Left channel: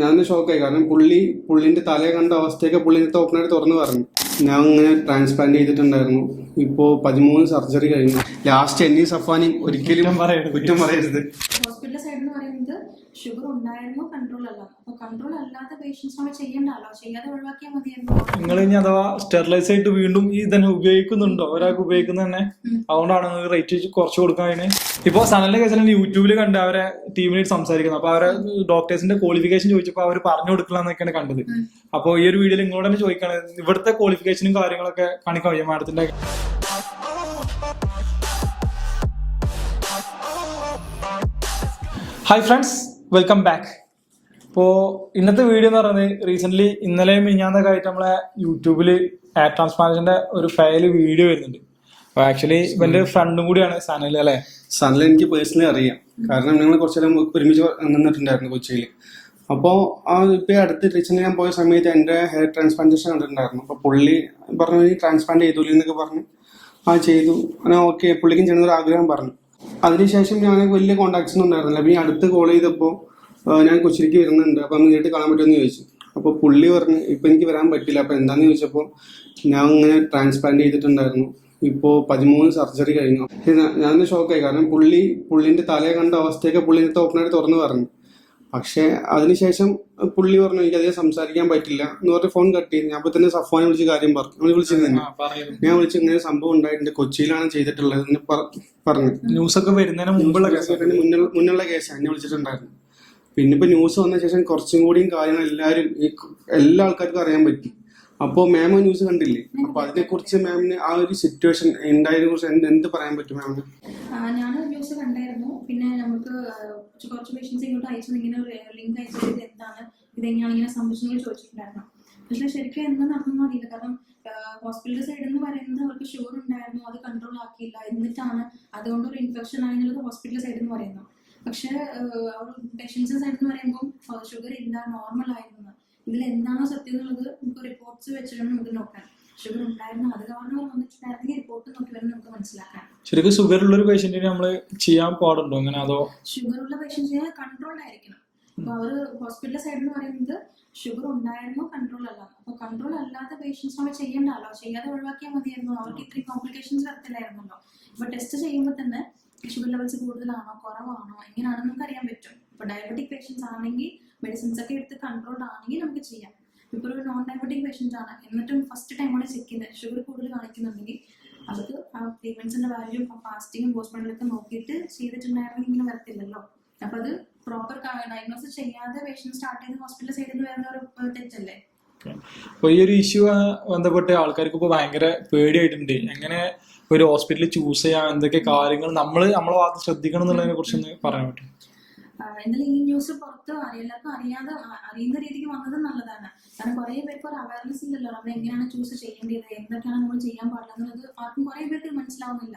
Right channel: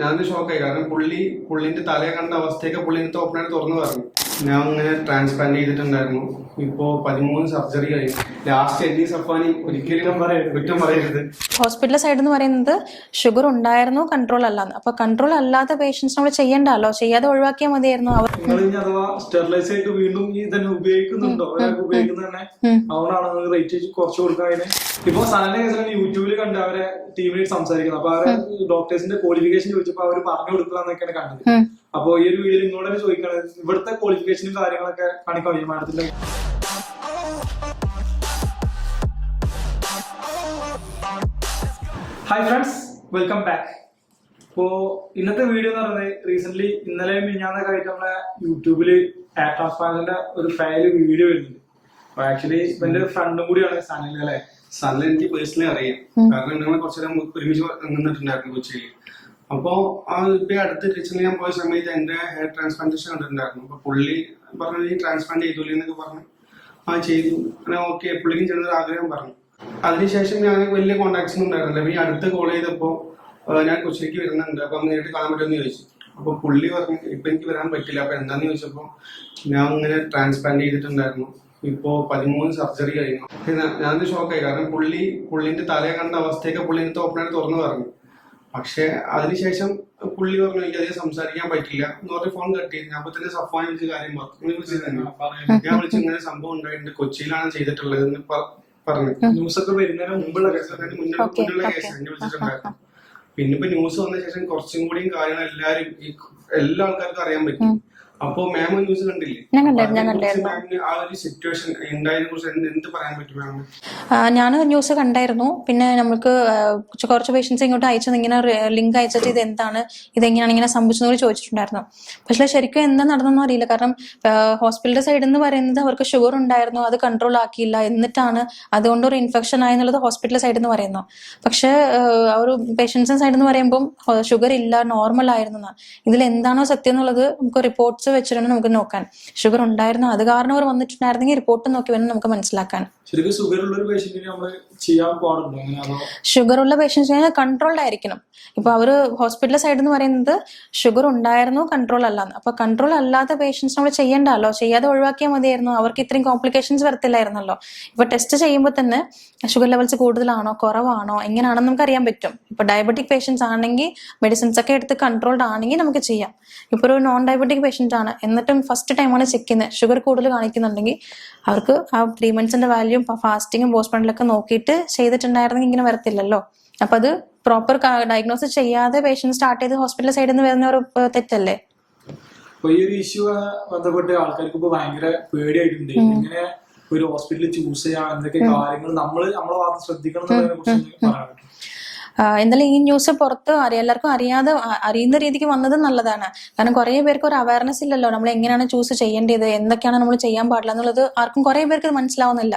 ഞാൻ ഷോക്കായി. കാരണം പുള്ളിന്റെ തലയെ കണ്ട അവസ്ഥയൊക്കെ പുള്ളിന്റെ ഓപ്പണായിട്ട് തുറന്നു പറഞ്ഞു. ഞാൻ ഇങ്ങനെ ട്രാൻസ്പ്ലാന്റ് ചെയ്തിട്ടുണ്ടായിരുന്നു. ഇപ്പോ 13 സർജറി കഴിഞ്ഞു. ലാസ്റ്റ് എന്നീ സഫാനി ഒരിക്കലും കുറ്റം പറയരുത്. ഹോസ്പിറ്റൽ സൈഡ് എന്ന് പറയുന്നത് ഷുഗർ ഉണ്ടായിരുന്നു, കൺട്രോൾ അല്ലാന്ന്. അപ്പൊ കൺട്രോൾ അല്ലാത്ത പേഷ്യൻസ് നമ്മൾ ചെയ്യണ്ടല്ലോ, ചെയ്യാതെ ഒഴിവാക്കിയാൽ മതിയായിരുന്നു. നിങ്ങൾ ഇനി അഥവാ സ്റ്റെറിലൈസ് ആയിട്ട് വീണ്ടും ഇതന്നെ ഉപയോഗിക്കുന്നുണ്ടോ? ഒരാൾക്ക് ഉപയോഗിക്കുന്ന തന്നെ അതുകൊണ്ടാണ് നിങ്ങൾ റേറ്റ് കുറച്ച് കൊടുക്കാൻ. ഇപ്പൊ സനലിന്റെ കേസിൽ യൂട്യൂബിൽ കണ്ട് അവരെ ടീമിനായിട്ട് സംസാരിക്കുന്നത്. അപ്പൊ അവരെ ഡോക്ടേഴ്സിന്റെ ക്വാളിഫിക്കേഷൻ ചോദിച്ചപ്പോ അവർ പറഞ്ഞു കൊടുക്കുക എന്നൊക്കെയാണ് കണ്ടത്. അപ്പൊ ഈ ഒരു വീഡിയോയിൽ നിങ്ങളോട് തന്നെ ചോദിക്കാണ്, ഇവിടുത്തെ ക്വാളിഫിക്കേഷനും കാര്യങ്ങളൊക്കെ കാണിക്കാൻ കഴിയും മാഡത്തിന്റെ? Hi friends, welcome back. ഇപ്പോൾ ഇന്നത്തെ വീഡിയോ എന്ന് പറയുന്നത് റീസെന്റ് ഇന്നലെയും മിഞ്ഞാന്നൊക്കെ ആയിട്ട് നമ്മളെ യൂട്യൂബിൽ ഹെയർ ട്രാൻസ്പ്ലാന്റിന്റെ ഒരു ഫയൽ വീഡിയോ വരുന്നുണ്ട്. അപ്പൊ ആക്ച്വലി എന്റെ ഫ്രണ്ടും കൂടിയാണ് സനൽ അല്ലെ? സനൽ എനിക്ക് പേഴ്സണലി അറിയാം. കാരണം ഞങ്ങൾ കുറച്ചേരം ഒരുമിച്ച് നിന്നിട്ടുണ്ടായിരുന്നു കൊച്ചിയിൽ. അപ്പോൾ ഇപ്പൊ അടുത്ത് റീസെന്റ് ഞാൻ പോയ സമയത്ത് എന്റെ ഹെയർ ട്രാൻസ്പ്ലാന്റേഷൻ കണ്ടിട്ടുണ്ടായിരുന്നു. അപ്പൊ പുള്ളി പറഞ്ഞു ഈ ട്രാൻസ്പ്ലാന്റ് ചെയ്തൂലേ എന്നൊക്കെ പറഞ്ഞു. ചെയ്തു. അങ്ങനെ ഓക്കെ, പുള്ളിക്കും ചെയ്യുന്നൊരു ആഗ്രഹം പറഞ്ഞു. അതിനുശേഷം ഞാൻ വലിയ കോണ്ടാക്ട്സ് ഒന്നും ഉണ്ടായിരുന്നില്ല. പിന്നെ അടുത്ത് കോൾ ചെയ്തപ്പോൾ ഞാൻ കൊച്ചിയിലേക്ക് വരുന്നുണ്ട്, അപ്പം നേരിട്ട് കാണാൻ പറ്റുമെന്ന് ചോദിച്ചു. അപ്പോൾ പുള്ളി പറഞ്ഞു ഇപ്പം എനിക്ക് വരാൻ പറ്റില്ല. അപ്പം എന്താണെന്ന് ചോദിച്ചപ്പോൾ ഞാൻ ഇങ്ങനെ ട്രാൻസ്പ്ലാന്റ് ചെയ്തിട്ടുണ്ടായിരുന്നു. ഇപ്പോൾ 13 സർജറി കഴിഞ്ഞു. ഞാൻ ഷോക്കായി. കാരണം പുള്ളിന്റെ തലയെ കണ്ട അവസ്ഥയൊക്കെ പുള്ളിന്റെ ഓപ്പണായിട്ട് തുറന്നു പറഞ്ഞു. പക്ഷെ അതിനുശേഷം പുള്ളി പറഞ്ഞു എനിക്കധികം സംസാരിക്കാൻ പറ്റില്ല എന്ന് പറഞ്ഞ് ഫോൺ കട്ട് ചെയ്തു. ഞാൻ അപ്പൊ തന്നെ സഫാനെ വിളിച്ച് കാര്യം പറഞ്ഞു. വിളിച്ചിരുന്നു. ഞാൻ വിളിച്ച് ഇങ്ങനെ സംഭവം ഉണ്ടായിട്ടുണ്ട്, കൊച്ചിയിലാണ് ചെയ്തിട്ടുള്ളത് എന്ന് പറഞ്ഞു. ന്യൂസൊക്കെ വരുന്നതിന് മുമ്പുള്ള മുന്നുള്ള കേസ് എന്നെ വിളിച്ചിട്ടുണ്ടായിരുന്നു. പിന്നെ ഇപ്പൊ ന്യൂസ് വന്ന ശേഷം കുറച്ചും കൂടിയും കാര്യങ്ങൾ എല്ലാ ആൾക്കാർക്കും അറിയാൻ പറ്റും. അപ്പൊ മാം ന്യൂസ് കണ്ടില്ലേ? മാമിന് ആ ഒരു സിറ്റുവേഷൻ ഉണ്ടായതിനെ കുറിച്ച് എന്ത് പറയാൻ പറ്റും മാമിന്? ഞാൻ ന്യൂസ് കണ്ടായിരുന്നു. പിന്നെ നമുക്ക് കുറച്ച് പേഷ്യൻസ് ഇങ്ങോട്ട് അയച്ചത് ഇങ്ങനെ ലിങ്ക് അയച്ചിട്ട് ഇത് എന്താണ്, ഇതെങ്ങനെയാണ് ഇങ്ങനെ സംഭവിച്ചതെന്ന് ചോദിച്ചിട്ടുണ്ടായിരുന്നു. പക്ഷേ ശരിക്കും എന്താ നടന്നെന്നും അറിയില്ല. കാരണം ഹോസ്പിറ്റലിന്റെ സൈഡിൽ നിന്ന് പറയുന്നത് അവർക്ക് ഷുഗർ ഉണ്ടായിരുന്നു, അത് കൺട്രോൾ ആക്കിയില്ല, എന്നിട്ടാണ് അതുകൊണ്ട് ഒരു ഇൻഫെക്ഷൻ ആയെന്നുള്ളത് ഹോസ്പിറ്റൽ സൈഡിൽ നിന്ന് പറയുന്നു. പക്ഷേ ഒരു പേഷ്യൻസിന്റെ സൈഡിൽ നിന്ന് പറയുമ്പോൾ ഷുഗർ ഇല്ല, നോർമൽ ആയിരുന്നു. ഇതിൽ എന്താണോ സത്യം എന്നുള്ളത് നമുക്ക് റിപ്പോർട്ട്സ് വെച്ചിട്ടാണ് നമുക്ക് നോക്കാൻ. ഷുഗർ ഉണ്ടായിരുന്നു, അത് കാരണം അവർ വന്നിട്ടുണ്ടായിരുന്നെങ്കിൽ റിപ്പോർട്ട് നോക്കി വേണം നമുക്ക് മനസ്സിലാക്കാൻ. ശരിക്കും ഷുഗർ ഉള്ള ഒരു പേഷ്യന്റിനെ നമ്മൾ ചെയ്യാൻ പാടുണ്ടോ അങ്ങനെ? അതോ ഷുഗർ ഉള്ള പേഷ്യൻസിനെ കൺട്രോൾഡ് ആയിരിക്കണം. ഇപ്പൊ അവര് ഹോസ്പിറ്റൽ സൈഡിൽ നിന്ന് പറയുന്നത് ഷുഗർ ഉണ്ടായിരുന്നു, കൺട്രോൾ അല്ലാന്ന്. അപ്പൊ കൺട്രോൾ അല്ലാത്ത പേഷ്യൻസ് നമ്മൾ ചെയ്യണ്ടല്ലോ, ചെയ്യാതെ ഒഴിവാക്കിയാൽ മതിയായിരുന്നു. അവർക്ക് ഇത്രയും കോംപ്ലിക്കേഷൻസ് വരത്തില്ലായിരുന്നല്ലോ. ഇപ്പൊ ടെസ്റ്റ് ചെയ്യുമ്പോൾ തന്നെ ഷുഗർ ലെവൽസ് കൂടുതലാണോ കുറവാണോ എങ്ങനെയാണെന്ന് നമുക്ക് അറിയാൻ പറ്റും. ഇപ്പൊ ഡയബറ്റിക് പേഷ്യൻസ് ആണെങ്കിൽ മെഡിസിൻസ് ഒക്കെ എടുത്ത് കൺട്രോൾഡ് ആണെങ്കിൽ നമുക്ക് ചെയ്യാം. ഇപ്പൊ ഒരു നോൺ ഡയബറ്റിക് പേഷ്യന്റ് ആണ്, എന്നിട്ടും ഫസ്റ്റ് ടൈമാണ് ചെക്ക് ചെയ്യുന്നത്, ഷുഗർ കൂടുതൽ കാണിക്കുന്നുണ്ടെങ്കിൽ അവർക്ക് ആ 3 monthsന്റെ വാല്യൂ ഫാസ്റ്റിങ്ങും പോസ്റ്റ്മോർട്ടമൊക്കെ നോക്കിയിട്ട് ചെയ്തിട്ടുണ്ടായിരുന്നെങ്കിൽ ഇങ്ങനെ വരത്തില്ലല്ലോ. അപ്പൊ അത് പ്രോപ്പർ ഡയഗ്നോസിസ് ചെയ്യാതെ പേഷ്യന്റ് സ്റ്റാർട്ട് ചെയ്ത് ഹോസ്പിറ്റൽ സൈഡിൽ നിന്ന് വരുന്ന ഒരു തെറ്റല്ലേ? അപ്പൊ ഈ ഒരു ഇഷ്യൂ ബന്ധപ്പെട്ട് ആൾക്കാർക്ക് ഇപ്പൊ ഭയങ്കര പേടിയായിട്ടുണ്ട്. എങ്ങനെ ഒരു ഹോസ്പിറ്റൽ ചൂസ് ചെയ്യാം, എന്തൊക്കെ കാര്യങ്ങൾ നമ്മളെ ഭാഗത്ത് ശ്രദ്ധിക്കണം എന്നുള്ളതിനെ കുറിച്ച് പറയാൻ പറ്റും? എന്തായാലും ഈ ന്യൂസ് പുറത്ത് എല്ലാവർക്കും അറിയുന്ന രീതിക്ക് വന്നത് നല്ലതാണ്. കാരണം കുറെ പേർക്ക് ഒരു അവയർനെസ് ഇല്ലല്ലോ, നമ്മൾ എങ്ങനെയാണ് ചൂസ് ചെയ്യേണ്ടത്, എന്തൊക്കെയാണ് നമ്മൾ ചെയ്യാൻ പാടില്ല എന്നുള്ളത് ആർക്കും കുറെ പേർക്ക് മനസ്സിലാവുന്നില്ല.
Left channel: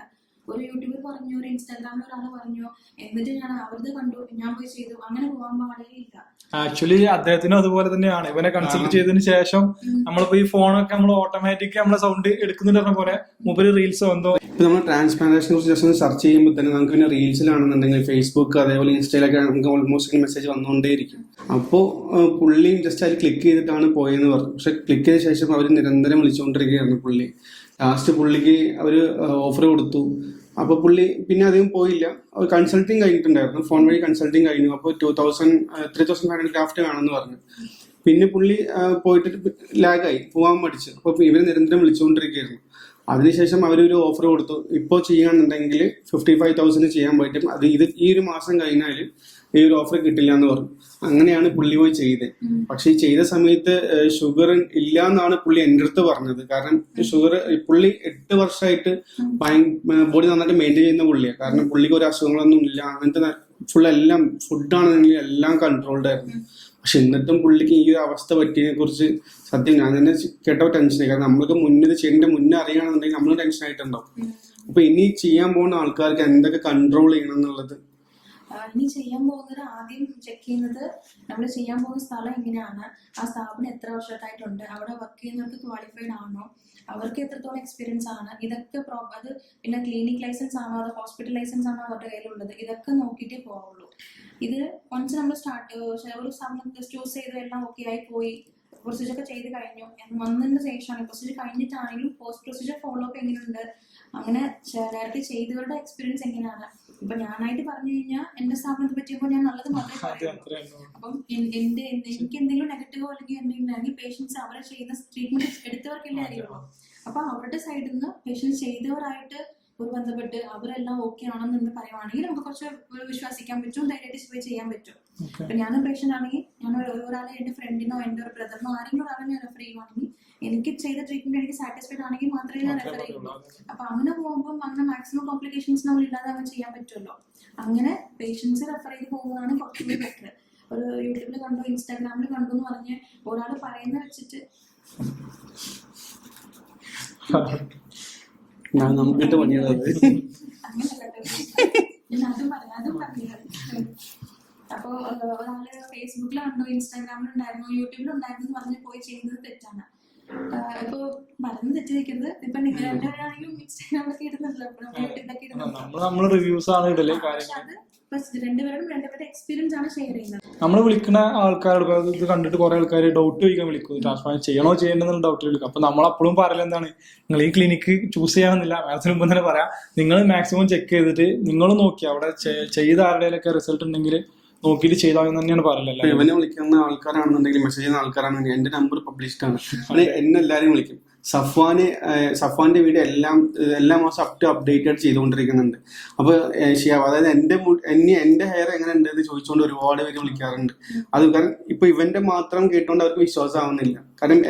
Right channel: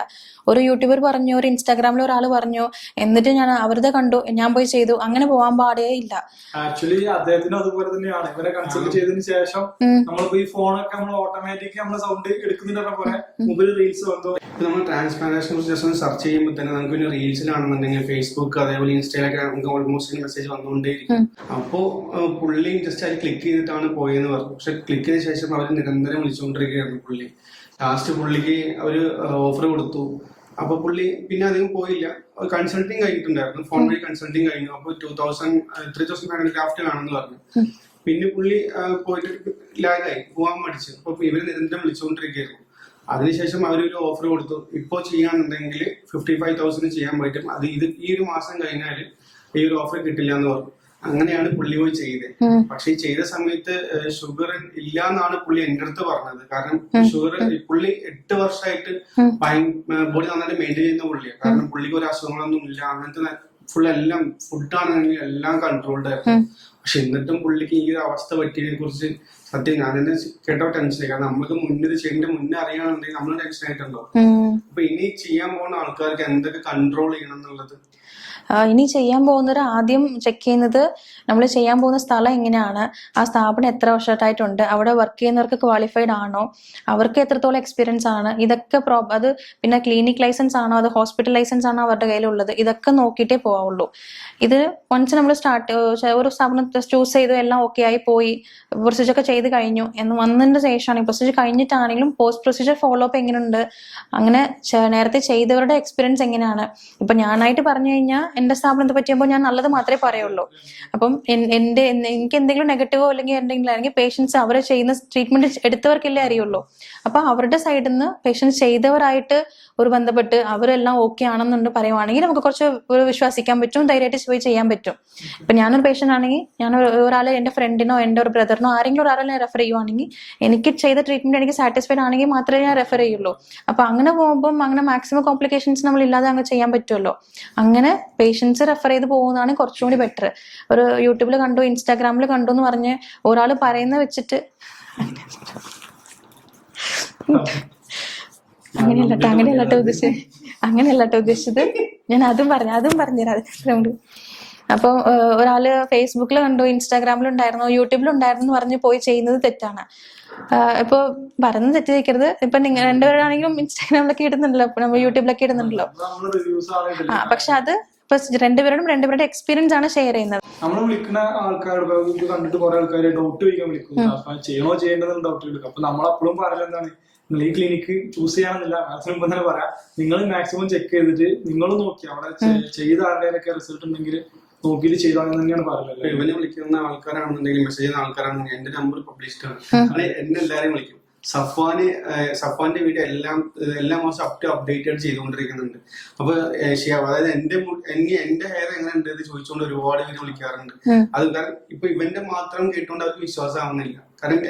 ഒരു യൂട്യൂബർ പറഞ്ഞു, ഒരു ഇൻസ്റ്റാഗ്രാമിൽ ഒരാൾ പറഞ്ഞു, എന്നിട്ട് ഞാൻ അവരുടെ കണ്ടു, ഞാൻ പോയി ചെയ്തു, അങ്ങനെ പോകാൻ പാടേ ഇല്ല. ആക്ച്വലി അദ്ദേഹത്തിനും അതുപോലെ തന്നെയാണ്. ഇവനെ കൺസൾട്ട് ചെയ്തതിന് ശേഷം നമ്മളിപ്പോ ഈ ഫോണൊക്കെ നമ്മൾ ഓട്ടോമാറ്റിക് നമ്മളെ സൗണ്ട് എടുക്കുന്നുണ്ട് പോലെ മൊബൈൽ റീൽസോ എന്തോ. നമ്മൾ ട്രാൻസ്പ്ലാന്റേഷനെ കുറിച്ച് ജസ്റ്റ് ഒന്ന് സെർച്ച് ചെയ്യുമ്പോൾ തന്നെ നമുക്ക് പിന്നെ റീൽസിലാണെന്നുണ്ടെങ്കിൽ ഫേസ്ബുക്ക് അതേപോലെ ഇൻസ്റ്റയിലൊക്കെ നമുക്ക് ഓൾമോസ്റ്റ് മെസ്സേജ് വന്നുകൊണ്ടേയിരിക്കും. അപ്പോൾ പുള്ളി ജസ്റ്റ് അതിൽ ക്ലിക്ക് ചെയ്തിട്ടാണ് പോയെന്ന് പറഞ്ഞു. പക്ഷെ ക്ലിക്ക് ചെയ്ത ശേഷം അവർ നിരന്തരം വിളിച്ചുകൊണ്ടിരിക്കുകയായിരുന്നു പുള്ളി. ലാസ്റ്റ് പുള്ളിക്ക് ഒരു ഓഫർ കൊടുത്തു. അപ്പൊ പുള്ളി പിന്നെ അധികം പോയില്ല. കൺസൾട്ടിങ് കഴിഞ്ഞിട്ടുണ്ടായിരുന്നു, ഫോൺ വഴി കൺസൾട്ടിങ് കഴിഞ്ഞു. അപ്പോൾ 3,500 ക്രാഫ്റ്റ് കാണുമെന്ന് പറഞ്ഞു. പിന്നെ പുള്ളി പോയിട്ട് ലാഗായി, പോകാൻ മടിച്ചു. അപ്പൊ ഇവര് നിരന്തരം വിളിച്ചുകൊണ്ടിരിക്കുകയായിരുന്നു. അതിനുശേഷം അവരൊരു ഓഫർ കൊടുത്തു, ഇപ്പോൾ ചെയ്യാന്നുണ്ടെങ്കിൽ 55,000 ചെയ്യാൻ പറ്റും, അത് ഈ ഒരു മാസം കഴിഞ്ഞാൽ ഈ ഒരു ഓഫർ കിട്ടില്ല എന്ന് പറഞ്ഞു. അങ്ങനെയാണ് പുള്ളി പോയി ചെയ്തത്. പക്ഷെ ഈ ചെയ്ത സമയത്ത് ഷുഗർ ഇല്ല എന്നാണ് പുള്ളി എൻ്റെ അടുത്ത് പറഞ്ഞത്. കാരണം ഷുഗർ പുള്ളി 8 വർഷമായിട്ട് ബോഡി നന്നായിട്ട് മെയിൻറ്റെയിൻ ചെയ്യുന്ന പുള്ളിയാണ്. കാരണം പുള്ളിക്ക് ഒരു അസുഖങ്ങളൊന്നും ഇല്ല, അങ്ങനത്തെ ഫുൾ എല്ലാം ഫുഡാണെന്നെങ്കിൽ എല്ലാം കൺട്രോൾഡ് ആയിരുന്നു. പക്ഷെ എന്നിട്ടും പുള്ളിക്ക് ഈ ഒരു അവസ്ഥ പറ്റിയതിനെ കുറിച്ച് സത്യം ഞാൻ തന്നെ കേട്ടോ ടെൻഷനായി. കാരണം നമുക്ക് മുന്നേ ചെയ്യേണ്ട മുന്നേ അറിയണമെന്നുണ്ടെങ്കിൽ നമ്മൾ ടെൻഷൻ ആയിട്ടുണ്ടാവും. അപ്പൊ ഇനി ചെയ്യാൻ പോകുന്ന ആൾക്കാർക്ക് എന്തൊക്കെ കൺട്രോൾ ചെയ്യണം എന്നുള്ളത് ഇനി ചെയ്യാൻ പോകുന്നവർ ആദ്യം ചെക്ക് ചെയ്യുന്നത് നമ്മൾ ചെയ്യാൻ പോകുന്ന സ്ഥലം എങ്ങനെയാണ്, ആ സ്ഥാപനം എത്ര വർഷമായിട്ടുണ്ട്, അവിടെ വർക്ക് ചെയ്യുന്നവർക്ക് ക്വാളിഫൈഡ് ആണോ, അവർക്ക് എത്രത്തോളം എക്സ്പീരിയൻസ് ആണ്, ഇതൊക്കെ അത് പിന്നെ ക്ലിനിക് ലൈസൻസ് ആണോ അത് ഹോസ്പിറ്റൽ ലൈസൻസ് ആണോ അവരുടെ കയ്യിലുള്ളത്, ഇതൊക്കെ നോക്കിയിട്ടേ പോവുള്ളൂ. ഇത് വൺസ് നമ്മൾ ഒരു സ്ഥാപനം ചൂസ് ചെയ്തു എല്ലാം ഓക്കെ ആയി പോയി പ്രൊസീജിയർ ഒക്കെ ചെയ്ത് കഴിഞ്ഞു എന്ന് വന്നതിന് ശേഷമാണ് പ്രൊസീജിയർ കഴിഞ്ഞിട്ടാണെങ്കിലും പോസ്റ്റ് പ്രൊസീജിയർ ഫോളോ അപ്പ് എങ്ങനെയുണ്ട്, അങ്ങനെ നേരത്തെ ചെയ്തവരുടെ എക്സ്പീരിയൻസ് എങ്ങനെയാണ്. ഇപ്പൊ ഞാനായിട്ട് പറഞ്ഞു കഴിഞ്ഞാൽ എന്റെ സ്ഥാപനത്തെ പറ്റിയുമ്പോൾ ഞാൻ നല്ലത് മാത്രമേ പറയുള്ളൂ. അപ്പം എനിക്ക് എന്തെങ്കിലും നെഗറ്റീവോ അല്ലെങ്കിൽ എന്തെങ്കിലും അല്ലെങ്കിൽ പേഷ്യൻസ് അവരെ ചെയ്യുന്ന ട്രീറ്റ്മെന്റ് എടുത്തവർക്കല്ലേ അറിയുള്ളൂ. അപ്പൊ അവരുടെ സൈഡിൽ നിന്ന് പേഷ്യൻസ് ചെയ്തവരായിട്ട് ഒരു ബന്ധപ്പെട്ട് അവരെല്ലാം ഓക്കെ ആണെന്നുണ്ട് പറയുവാണെങ്കിൽ നമുക്ക് കുറച്ച് ഒരു വിശ്വസിക്കാൻ പറ്റും, ധൈര്യമായിട്ട് പോയി ചെയ്യാൻ പറ്റും. ഇപ്പൊ ഞാനൊരു പേഷ്യന്റ് ആണെങ്കിൽ ഞാൻ ഒരാളെ എന്റെ ഫ്രണ്ടിനോ എന്റെ ഒരു ബ്രദറിനോ ആരെങ്കിലും ഒരാളെ റെഫർ ചെയ്യുവാണെങ്കിൽ എനിക്ക് ചെയ്ത ട്രീറ്റ്മെന്റ് എനിക്ക് സാറ്റിസ്ഫൈഡ് ആണെങ്കിൽ മാത്രമേ ഞാൻ റെഫർ ചെയ്യുള്ളൂ. അപ്പൊ അങ്ങനെ പോകുമ്പോൾ അങ്ങനെ മാക്സിമം കോംപ്ലിക്കേഷൻസ് നമ്മൾ ഇല്ലാതെ അങ്ങ് ചെയ്യാൻ പറ്റുമല്ലോ. അങ്ങനെ പേഷ്യൻസ് റെഫർ ചെയ്ത് പോകുന്നതാണ് കുറച്ചും കൂടി ബെറ്റർ. ഒരു യൂട്യൂബിൽ കണ്ടു ഇൻസ്റ്റാഗ്രാമിൽ കണ്ടു എന്ന് പറഞ്ഞ് ഒരാൾ പറയുന്ന വെച്ചിട്ട് അങ്ങനെയല്ലട്ടോ ഉദ്ദേശിച്ചത്. ഞാൻ അതും പറഞ്ഞുതരാം. അപ്പോൾ ഒരാള് ഫേസ്ബുക്കിൽ കണ്ടു, ഇൻസ്റ്റാഗ്രാമിലുണ്ടായിരുന്നു, യൂട്യൂബിലുണ്ടായിരുന്നു പറഞ്ഞ് പോയി ചെയ്യുന്നത് തെറ്റാണ്. ഇപ്പൊ പറയുന്നത് തെറ്റിരിക്കരുത്. ഇപ്പൊ നിങ്ങൾ രണ്ടുപേരാണെങ്കിലും ഇൻസ്റ്റാഗ്രാമിലൊക്കെ ഇടുന്നുണ്ടല്ലോ, അപ്പൊ നമ്മൾ യൂട്യൂബിലൊക്കെ ഇടുന്നുണ്ടല്ലോ. പക്ഷെ അത് ഇപ്പൊ രണ്ടുപേരുടെ എക്സ്പീരിയൻസ് ആണ് ഷെയർ ചെയ്യുന്നത്. നമ്മൾ വിളിക്കുന്ന ആൾക്കാരോട് ഇത് കണ്ടിട്ട് കുറെ ആൾക്കാർ ഡൗട്ട് ചോദിക്കാൻ വിളിക്കും, ട്രാൻസ്പ്ലാന്റ് ചെയ്യണോ ചെയ്യേണ്ടതെന്ന് ഡൗട്ട് വിളിക്കും. അപ്പൊ നമ്മൾ അപ്പോഴും പറയല എന്താണ്, നിങ്ങൾ ഈ ക്ലിനിക്ക് ചൂസ് ചെയ്യാമെന്നില്ല, അതിന് മുമ്പ് തന്നെ പറയാം, നിങ്ങൾ മാക്സിമം ചെക്ക് ചെയ്തിട്ട് നിങ്ങൾ നോക്കി അവിടെ ചെയ്ത ആരുടെയൊക്കെ റിസൾട്ട് ഉണ്ടെങ്കിൽ നോക്കിയിട്ട് ചെയ്താൽ തന്നെയാണ് പറയലല്ലോ. ഇവനെ വിളിക്കുന്ന ആൾക്കാരാണെന്നുണ്ടെങ്കിൽ മെസ്സേജ് ചെയ്യുന്ന ആൾക്കാരാണെന്നുണ്ടെങ്കിൽ എന്റെ നമ്പർ പബ്ലിഷ്ഡ് ആണ്, അത് എന്നെ എല്ലാവരും വിളിക്കും. സഫ്വാന്റെ വീഡിയോ എല്ലാ മാസം അപ്ഡേറ്റഡ് ചെയ്തുകൊണ്ടിരിക്കുന്നുണ്ട്. അപ്പൊ അതായത് എന്റെ ഹെയർ എങ്ങനെ ഉണ്ട് എന്ന് ചോദിച്ചുകൊണ്ട് ഒരുപാട് പേര് വിളിക്കാറുണ്ട്. അത് കാരണം ഇപ്പൊ ഇവന്റെ മാത്രം കേട്ടുകൊണ്ട് അവർക്ക് വിശ്വാസം ആവുന്നില്ല. കാരണം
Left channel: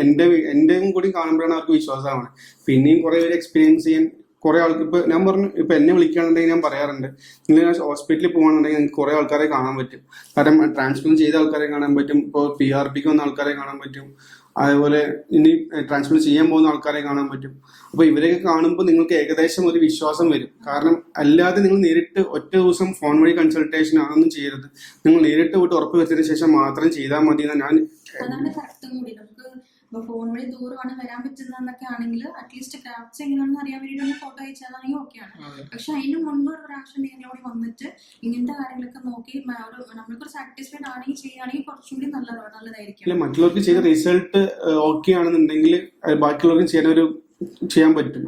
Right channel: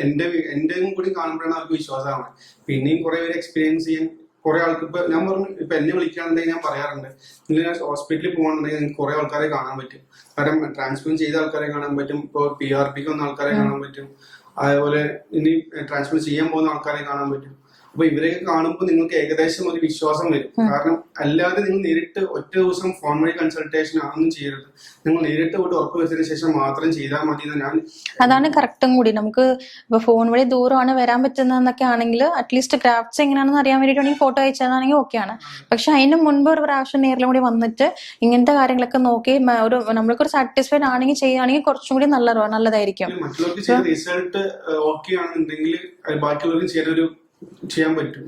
എന്റെയും കൂടി കാണുമ്പോഴാണ് അവർക്ക് വിശ്വാസം ആവുന്നത്. പിന്നെയും കുറെ പേര് എക്സ്പീരിയൻസ് ചെയ്യാൻ കുറെ ആൾക്ക് ഇപ്പൊ ഞാൻ പറഞ്ഞു, ഇപ്പൊ എന്നെ വിളിക്കുകയാണെന്നുണ്ടെങ്കിൽ ഞാൻ പറയാറുണ്ട്, നിങ്ങൾ ഹോസ്പിറ്റലിൽ പോകുകയാണെന്നുണ്ടെങ്കിൽ നിങ്ങൾക്ക് കുറെ ആൾക്കാരെ കാണാൻ പറ്റും. കാരണം ട്രാൻസ്പ്ലാന്റ് ചെയ്ത ആൾക്കാരെ കാണാൻ പറ്റും, ഇപ്പോൾ PRPക്ക് വന്ന ആൾക്കാരെ കാണാൻ പറ്റും, അതേപോലെ ഇനി ട്രാൻസ്പ്ലാന്റ് ചെയ്യാൻ പോകുന്ന ആൾക്കാരെ കാണാൻ പറ്റും. അപ്പൊ ഇവരൊക്കെ കാണുമ്പോൾ നിങ്ങൾക്ക് ഏകദേശം ഒരു വിശ്വാസം വരും. കാരണം അല്ലാതെ നിങ്ങൾ നേരിട്ട് ഒറ്റ ദിവസം ഫോൺ വഴി കൺസൾട്ടേഷൻ അതൊന്നും ചെയ്യരുത്. നിങ്ങൾ നേരിട്ട് പോയിട്ട് ഉറപ്പ് വരുത്തിയതിനു ശേഷം മാത്രം ചെയ്താൽ മതി. അതാണ് കറക്റ്റും കൂടി. നമുക്ക് ഇപ്പൊ ഫോൺ വഴി ദൂരമാണ് വരാൻ പറ്റുന്നതെന്നൊക്കെ ആണെങ്കിൽ അറ്റ്ലീസ്റ്റ് ക്രാഫ്റ്റ്സ് എങ്ങനെയാണെന്ന് അറിയാൻ വേണ്ടിയിട്ടാണെങ്കിൽ ഫോട്ടോ അയച്ചതാണെങ്കിൽ ഓക്കെയാണ്. പക്ഷെ അതിന് മുൻപ് ഒരു പ്രാവശ്യം നേരിലും കൂടി വന്നിട്ട് ഇങ്ങനത്തെ കാര്യങ്ങളൊക്കെ നോക്കി നമ്മൾക്കൊരു സാറ്റിസ്ഫൈഡ് ആണെങ്കിൽ ചെയ്യുകയാണെങ്കിൽ കുറച്ചും കൂടി നല്ലതായിരിക്കും. മറ്റുള്ളവർക്ക് റിസൾട്ട് ഓക്കെ ആണെന്നുണ്ടെങ്കിൽ ബാക്കിയുള്ളവർക്ക് ചെയ്യാൻ പറ്റും.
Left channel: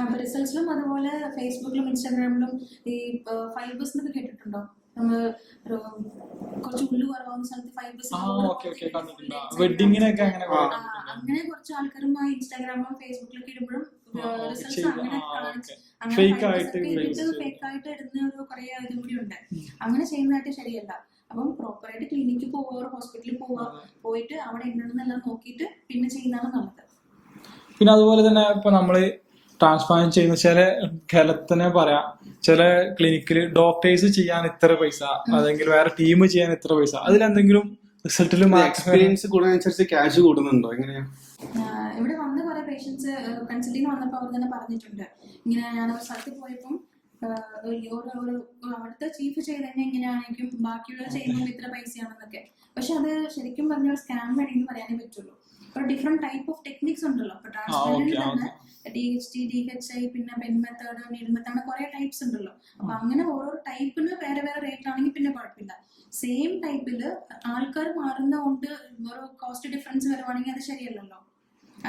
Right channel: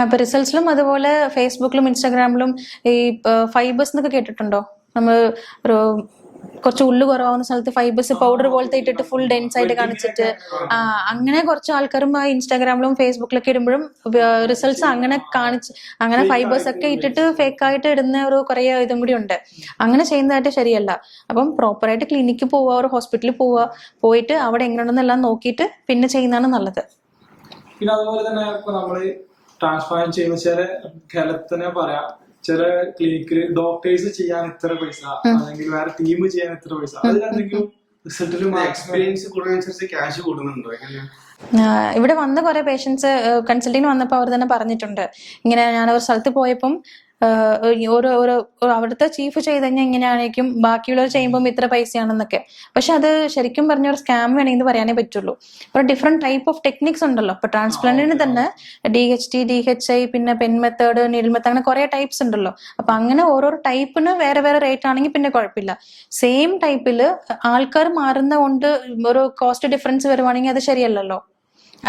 ഇപ്പൊ റിസൾട്ട്സിലും അതുപോലെ ഫേസ്ബുക്കിലും ഇൻസ്റ്റാഗ്രാമിലും ഈ ഫൈബേഴ്സ് എന്നൊക്കെ കേട്ടിട്ടുണ്ടോ? നമ്മൾ ഒരു കുറച്ച് ഉള്ളു കുറവാകുന്ന സ്ഥലത്ത് ഫൈബേഴ്സ് പൗഡർ പോലത്തെ ഇട്ടിട്ട് ഫുൾ ഡെൻസ് ആയിട്ട് കാണിച്ചിട്ട് അങ്ങനെ കുറച്ച് ആൾക്കാരും ഇൻസ്റ്റാഗ്രാമിലും ഫേസ്ബുക്കിലൊക്കെ ഇടുമ്പോഴും റിസൾട്ട്സ് അങ്ങനെ അങ്ങനെ ഫൈബേഴ്സ് ഒക്കെ ഇട്ടിട്ട് ഫേക്ക് ആയിട്ട് ഇടുന്ന ഒരു കുറെ ഇതും കൂടി ഉണ്ട്. അങ്ങനെ ചെയ്യുന്നതായിട്ട് ശരിയല്ല. അപ്പം പ്രോപ്പറായിട്ട് ക്ലിനിക്കിൽ പോവുക, ഒരു ഹോസ്പിറ്റലിൽ പോയിട്ട് അവിടെ എങ്ങനെയുണ്ടെന്നെല്ലാം നോക്കിയിട്ട് പിന്നെ ചെയ്യുന്നതാണ് നല്ലത്. പിന്നെ അതുപോലെ തന്നെ ഇപ്പൊ നമ്മള് ട്രാൻസ്പ്ലാന്റ് ചെയ്യുന്ന ചില കേരളത്തിനെ പറയാം, ചില ക്ലിനിക്കിൽ ഡോക്ടേഴ്സ് ചെയ്യാൻ ഇത്ര പൈസ, അല്ലെങ്കിൽ വേറെ ടീം ചെയ്യാൻ ഇത്ര പൈസ, അതിലെന്തെങ്കിലും റിസൾട്ടിലും എക്സ്പീരിയൻസ് കൂടുന്നതനുസരിച്ച് ക്യാഷ് കൂടുന്നുണ്ടോ? എങ്ങനെയാ? ഇവിടെ വന്ന കുറെ പേഷ്യൻസ് കൺസൾട്ടിങ്ങിന് വന്നപ്പോൾ അവർ തന്നെ പറഞ്ഞിട്ടുണ്ട്, ഇങ്ങനെ ഞാൻ ഒരു സ്ഥലത്ത് പോയപ്പം അവിടുത്തെ ചീഫ് ചെയ്ത് കഴിഞ്ഞാൽ ഇങ്ങനെയാണെങ്കിലും ബാക്കിയുള്ളവർ ചെയ്യുമ്പോൾ ഇത്ര പൈസയാണെന്നൊക്കെ. പക്ഷെ അത് ശരിക്കും പറഞ്ഞ ഒരു സ്കാം വേണമെങ്കിൽ പറയാനേ പറ്റുള്ളൂ. ഒരു ഡിഫറെന്റ് ടൈപ്പ് ഓഫ് ടെക്നിക്സ് ഉണ്ടല്ലോ. ഇപ്പൊ ട്രാൻസ്പ്ലാന്റിന് തന്നെ DHT, DHI, പിന്നെ പെൻ മെത്തേഡ്, നീഡിൽ മെത്തേഡ്, അങ്ങനെ കുറെ ടൈപ്സ് ഉണ്ടല്ലോ. അപ്പൊ അങ്ങനെ ഓരോരോ ടൈപ്പിന് വേറെ വേറെ റേറ്റ് ആണെങ്കിൽ പിന്നെ കുഴപ്പമില്ല. സെയിം ടൈപ്പില് ആൾക്കാർ മാറുന്ന കൊണ്ട് ഒരു കോസ്റ്റ് ഡിഫറൻസ് വരുവാണെങ്കിൽ അത് ശരിയല്ലല്ലോ.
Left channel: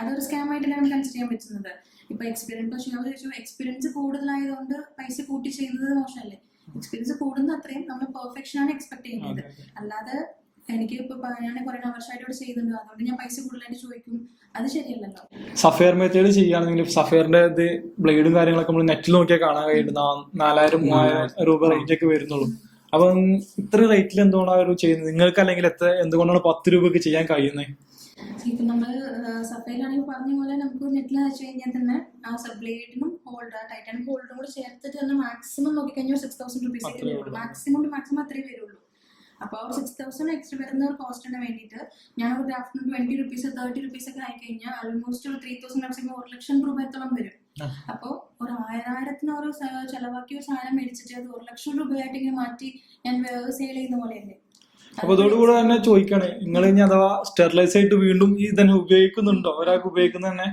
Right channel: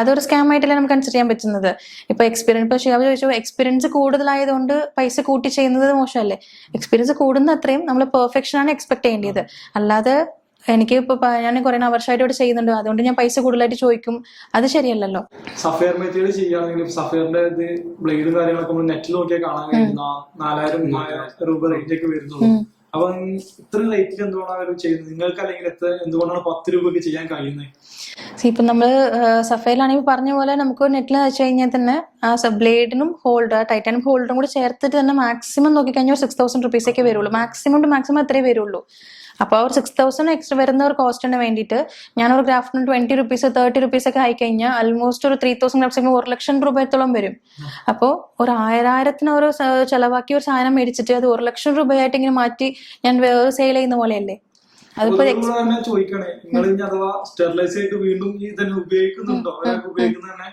അതൊരു സ്കാം ആയിട്ടല്ലേ നമുക്ക് കൺസിഡർ ചെയ്യാൻ പറ്റുന്നത്. ഇപ്പൊ ഷിയാബ് ചോദിച്ചു, എക്സ്പീരിയൻസ് കൂടുതലായതുകൊണ്ട് പൈസ കൂട്ടി ചെയ്യുന്നത് മോശമല്ലേ? എക്സ്പീരിയൻസ് കൂടുന്ന അത്രയും നമ്മൾ പെർഫെക്ഷൻ ആണ് എക്സ്പെക്ട് ചെയ്യേണ്ടത്. അല്ലാതെ എനിക്ക് ഇപ്പൊ ഞാൻ കുറെ വർഷമായിട്ട് ഇവിടെ ചെയ്യുന്നുണ്ട് അതുകൊണ്ട് ഞാൻ പൈസ കൂടുതലായിട്ട് ചോദിക്കും, അത് ശരിയല്ലല്ലോ. സഫയർ മെത്തേഡ് ചെയ്യുകയാണെങ്കിൽ സഫയറിന്റെ ഇത് ബ്ലേഡും കാര്യങ്ങളൊക്കെ നമ്മൾ നെറ്റിൽ നോക്കിയാൽ കാണാൻ കഴിയുന്ന 4000-3000 രൂപ റേഞ്ച് ഒക്കെ വരുന്നുള്ളൂ. അപ്പൊ ഇത്ര റേറ്റിൽ എന്തുകൊണ്ടാണ് അവർ ചെയ്യുന്നത്? നിങ്ങൾക്ക് അല്ലെങ്കിൽ എന്തുകൊണ്ടാണ് 10 രൂപക്ക് ചെയ്യാൻ കഴിയുന്നത്? ഇപ്പൊ നമ്മള് സഫയിലാണെങ്കിൽ പറഞ്ഞ പോലെ നമുക്ക് നെറ്റിൽ വെച്ച് കഴിഞ്ഞാൽ തന്നെ ആ ബ്ലേഡിനും ടൈറ്റാനിയം ഹോൾഡറും കൂടി ചേർത്തിട്ട് തന്നെ മാക്സിമം നോക്കിക്കഴിഞ്ഞാൽ 6000 റുപ്പീസൊക്കെ വരുള്ളൂ. മാക്സിമം അത്രേ വരുള്ളൂ. അപ്പോൾ ഒരു 6,000 എക്സ്ട്രാ വരുന്ന ഒരു കോസ്റ്റിന് വേണ്ടിയിട്ട് ഞാനൊരു ഗ്രാഫ്റ്റിന് 20 റുപ്പീസ് 30 റുപ്പീസ് ഒക്കെ ആയിക്കഴിഞ്ഞാൽ ആൾമോസ്റ്റ് ഒരു 3,000 ഗ്രാഫ്സ് 1,00,000 രൂപയത്തോളം വരും. അപ്പോൾ ഒരു 1000 ഒരു ചെലവാക്കി ഒരു സാധനം മേടിച്ചിട്ട് അത് 1,00,000 രൂപയായിട്ട് ഇങ്ങനെ മാറ്റി ഞാൻ സെയിൽ ചെയ്യുന്ന പോലെയല്ലേ. തന്നെ ചോദിക്കണേ, നിങ്ങൾ ഇനി അഥവാ സ്റ്റെറിലൈസ് ആയിട്ട് വീണ്ടും ഈ തന്നെ ഉപയോഗിക്കുന്നുണ്ടോ? ഒരാൾക്ക് ഉപയോഗിക്കുന്ന തന്നെ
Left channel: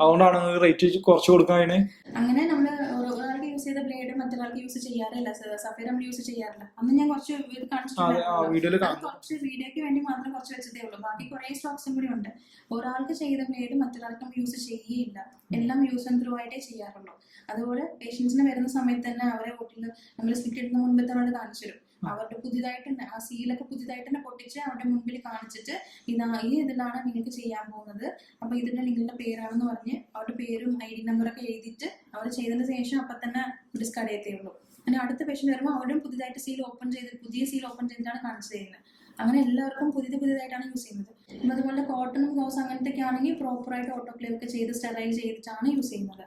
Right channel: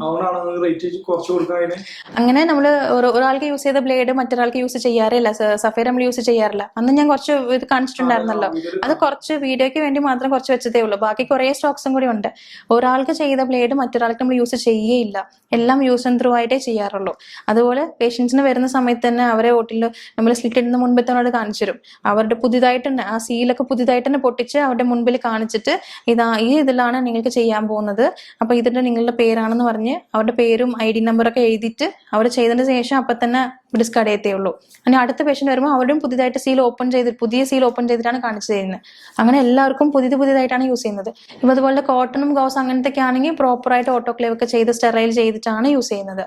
അതുകൊണ്ടാണ് റേറ്റ് കുറച്ച് കൊടുക്കാൻ. അങ്ങനെ നമ്മള് ഒരാൾക്ക് യൂസ് ചെയ്ത ബ്ലേഡ് മറ്റൊരാൾക്ക് യൂസ് ചെയ്യാറില്ല. സഫയർ നമ്മൾ യൂസ് ചെയ്യാറില്ല. അന്ന് ഞാൻ കുറച്ച് ഇത് കാണിച്ചിട്ടുണ്ടായിരുന്നല്ലോ. അത് കുറച്ച് വീഡിയോയ്ക്ക് വേണ്ടി മാത്രം കുറച്ച് വെച്ചതേ ഉള്ളൂ. ബാക്കി കുറെ സ്റ്റോക്സും കൂടി ഉണ്ട്. ഒരാൾക്ക് ചെയ്ത ബ്ലേഡ് മറ്റൊരാൾക്ക് നമ്മൾ യൂസ് ചെയ്യേയില്ല. എല്ലാം യൂസ് ആൻഡ് ത്രൂ ആയിട്ടേ ചെയ്യാറുള്ളൂ. അതുപോലെ പേഷ്യൻസിന് വരുന്ന സമയത്ത് തന്നെ അവരെ ഓട്ടിൽ നമ്മൾ സ്ലിറ്റ് ഇടുന്ന മുൻപ് തന്നെ അവിടെ കാണിച്ചു തരും. അവരുടെ പുതിയതായിട്ട് തന്നെ ആ സീലൊക്കെ പുതിയതായിട്ട് തന്നെ പൊട്ടിച്ച് അവരുടെ മുൻപിൽ കാണിച്ചിട്ട് ഈ ഇതിലാണ് നിങ്ങൾക്ക് ചെയ്യാൻ പോകുന്നത്, അപ്പൊ ഇതിന്റെ നിങ്ങളുടെ പേരാണെന്ന് പറഞ്ഞ് അവരുടെ പേരും ID നമ്പറൊക്കെ എഴുതിയിട്ട് അവർ ചെയ്തതിന് ശേഷം അപ്പൊ തന്നെ ഡിസ്കാർഡ് ചെയ്തേ ഉള്ളൂ. അങ്ങനെ അടുത്ത പേഷ്യന്റ് വരുമ്പോൾ അവരും പുതിയതായിട്ട് പുതിയ സീൽ ഓപ്പൺ ചെയ്തിട്ടാണ് കാണിച്ചു തരുന്നത്. അങ്ങനെ എല്ലാവർക്കും പുതിയതായിട്ടാണ് യൂസ് ചെയ്യുന്നത്. ഇപ്പൊ അതുപോലെ കോട്ടണും ഗൗസ് അങ്ങനത്തെ ഒക്കെ ആണെങ്കിൽ പ്രോപ്പറായിട്ട് ഓട്ടോക്ലേവ് ഒക്കെ ചെയ്ത് സ്റ്റെറൈൽ ചെയ്തിട്ടാണ് യൂസ് ചെയ്യുന്നത്.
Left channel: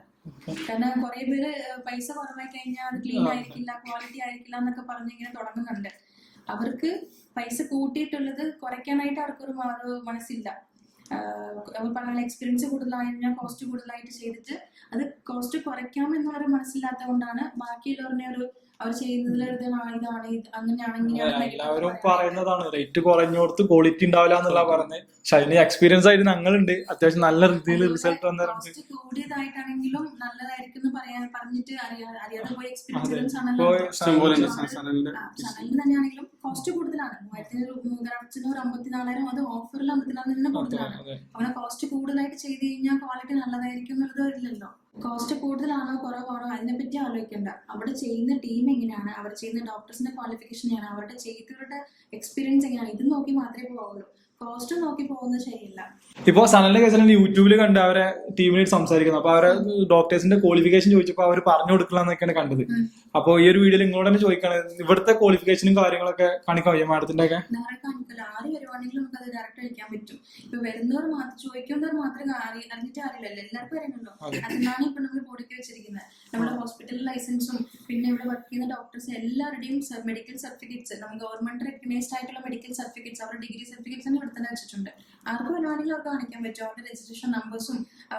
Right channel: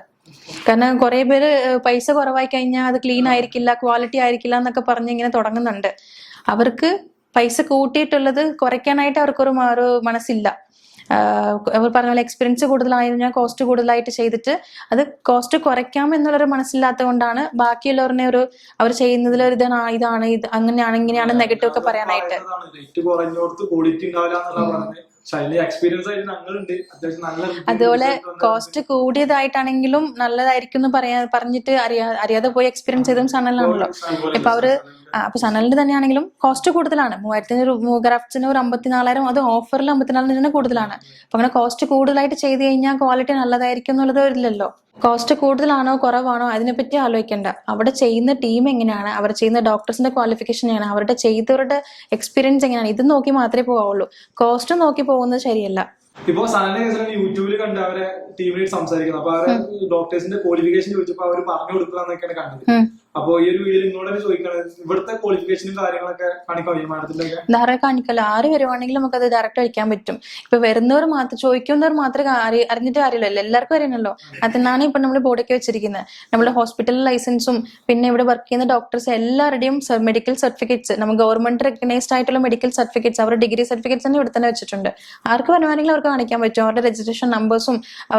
കാരണം കുറെ പേര് പൈസ കുറവായി കഴിഞ്ഞാൽ അത് ക്ലീൻ ആയിരിക്കില്ല, ക്വാളിറ്റി ആയിരിക്കില്ല എന്നൊക്കെ പറഞ്ഞ് ഇങ്ങനെ തുടങ്ങുന്നുണ്ട്. അവർക്ക് പൈസ കൂട്ടിയിട്ടുള്ളത് കുറയ്ക്കാനായിട്ട് അവർക്കൊരു മനസ്സില്ല. അവർ പറഞ്ഞ പോലെ എക്സ്പീരിയൻസ് കൂടുതലായിരുന്നാൽ കോസ്റ്റ് കൂടുതലായിട്ട് ചെയ്തിട്ട് അത് കോസ്റ്റ് കുറയ്ക്കാം എന്നുള്ളൊരു മനസ്സില്ലാത്തത് കൊണ്ടാണ് ബാക്കിയുള്ളവരുടെ അവർ ചെയ്യുന്നതിൽ ഇതാണ് അങ്ങനെയാണ് ഇങ്ങനെയാണ് നെഗറ്റീവ് ഒക്കെ പറയാനായിട്ട്. റേറ്റ് കുറഞ്ഞോടത്ത് ക്വാളിറ്റി ഉണ്ടാവില്ല എന്നുള്ള പറഞ്ഞ് എക്സ്പീരിയൻസ് ആയിട്ട് ഞങ്ങളുണ്ട് അത്യാവശ്യം നല്ല. അതുപോലെ കോസ്റ്റ് കൂടിയതായിട്ടാണെങ്കിലും നല്ലതായിരിക്കും എന്ന് പറഞ്ഞിട്ട് അറിയാതെ പോയി എക്സ്പീരിയൻസ് ചെയ്തും സണലാണല്ലോ. ഇപ്പൊ അപ്പൊ സണലിന്റെ തന്നെയാണെങ്കിലും കോസ്റ്റ് കൂടുതലാണ്. 3,000 ഗ്രാഫ്റ്റ്സിന് ഒരു 54,000, അത് ഓഫറിൽ 54,000 കൂടുതലാണ്. അപ്പൊ അങ്ങനെ കോസ്റ്റ് കൂടുതലായിട്ട് ചെയ്ത് കഴിഞ്ഞാൽ ക്വാളിറ്റി നല്ലതായിരിക്കും എന്നുള്ളത് വരില്ലല്ലോ. കോസ്റ്റ് കൂടുതലാണോ കുറവാണോ അതിനെപ്പറ്റി ആലോചിക്കേണ്ട. അവിടെ ചെയ്യുന്ന ടീം എങ്ങനെയാണ്, അവർ ചെയ്യുന്ന ഡോക്ടേഴ്സിന്റെ ക്വാളിഫിക്കേഷൻ എങ്ങനെയാണ്, അവരുടെ ചെയ്തവരുടെ എക്സ്പീരിയൻസ് എങ്ങനെയാണ്, ഇത് നോക്കി മാത്രമേ പോവുള്ളൂ. കോസ്റ്റ് നോക്കി പോകുന്നത് ശരിയല്ല. ഇപ്പൊ സനലിന്റെ കേസിൽ യൂട്യൂബിൽ കണ്ട് അവരെ ടീമിനായിട്ട് സംസാരിക്കുന്നത്. അപ്പൊ അവരെ ഡോക്ടേഴ്സിന്റെ ക്വാളിഫിക്കേഷൻ ചോദിച്ചപ്പോ അവർ പറഞ്ഞു കൊടുക്കലാന്നൊക്കെയാണ് കണ്ടത്. അപ്പൊ ഈ ഒരു വീഡിയോയിൽ നിങ്ങളോട് തന്നെ ചോദിക്കാണ്, ഇവിടുത്തെ ക്വാളിഫിക്കേഷനും കാര്യങ്ങളൊക്കെ കാണിക്കാൻ മാഡത്തിന്റെ ഒക്കെ ധാരാളം കാണിക്കല്ല. ആര് വരുവാണെങ്കിലും നമുക്ക് അത് ഡയറക്റ്റ് കഴിക്കാൻ പറ്റും. ഇപ്പൊ വരുന്നവർ മാത്രം ചോദിക്കുന്നവർ മാത്രമേ അറിഞ്ഞിട്ട് കാര്യമില്ലല്ലോ, എല്ലാവർക്കും അറിയണല്ലോ. അതിനാണ് ഇപ്പൊ നമ്മൾ ബോർഡൊക്കെ വെച്ചിരിക്കുന്നത്. നമ്മുടെ ഹോസ്പിറ്റൽ ലൈസൻസും പിന്നെ ഇവിടെ വർക്ക് ചെയ്യുന്ന ഡോക്ടേഴ്സ് എല്ലാവരുടെയും മെഡിക്കൽ സർട്ടിഫിക്കറ്റ്സ്, നമ്മൾ ഗവൺമെന്റ് റെക്കഗ്നൈസ്ഡ് ആയിട്ടുള്ള മെഡിക്കൽ സർട്ടിഫിക്കറ്റ്സ്, അവരുടെ ഡിഗ്രി സർട്ടിഫിക്കറ്റ്സ് തന്നെ ഇവിടെ തന്നെ വെച്ചിട്ടുണ്ട്. ആർക്ക് വരുവാണെങ്കിലും അവർക്ക് കാണിക്കാൻ പറ്റും. അവരുടെ രജിസ്ട്രേഷൻ നമ്പേഴ്സും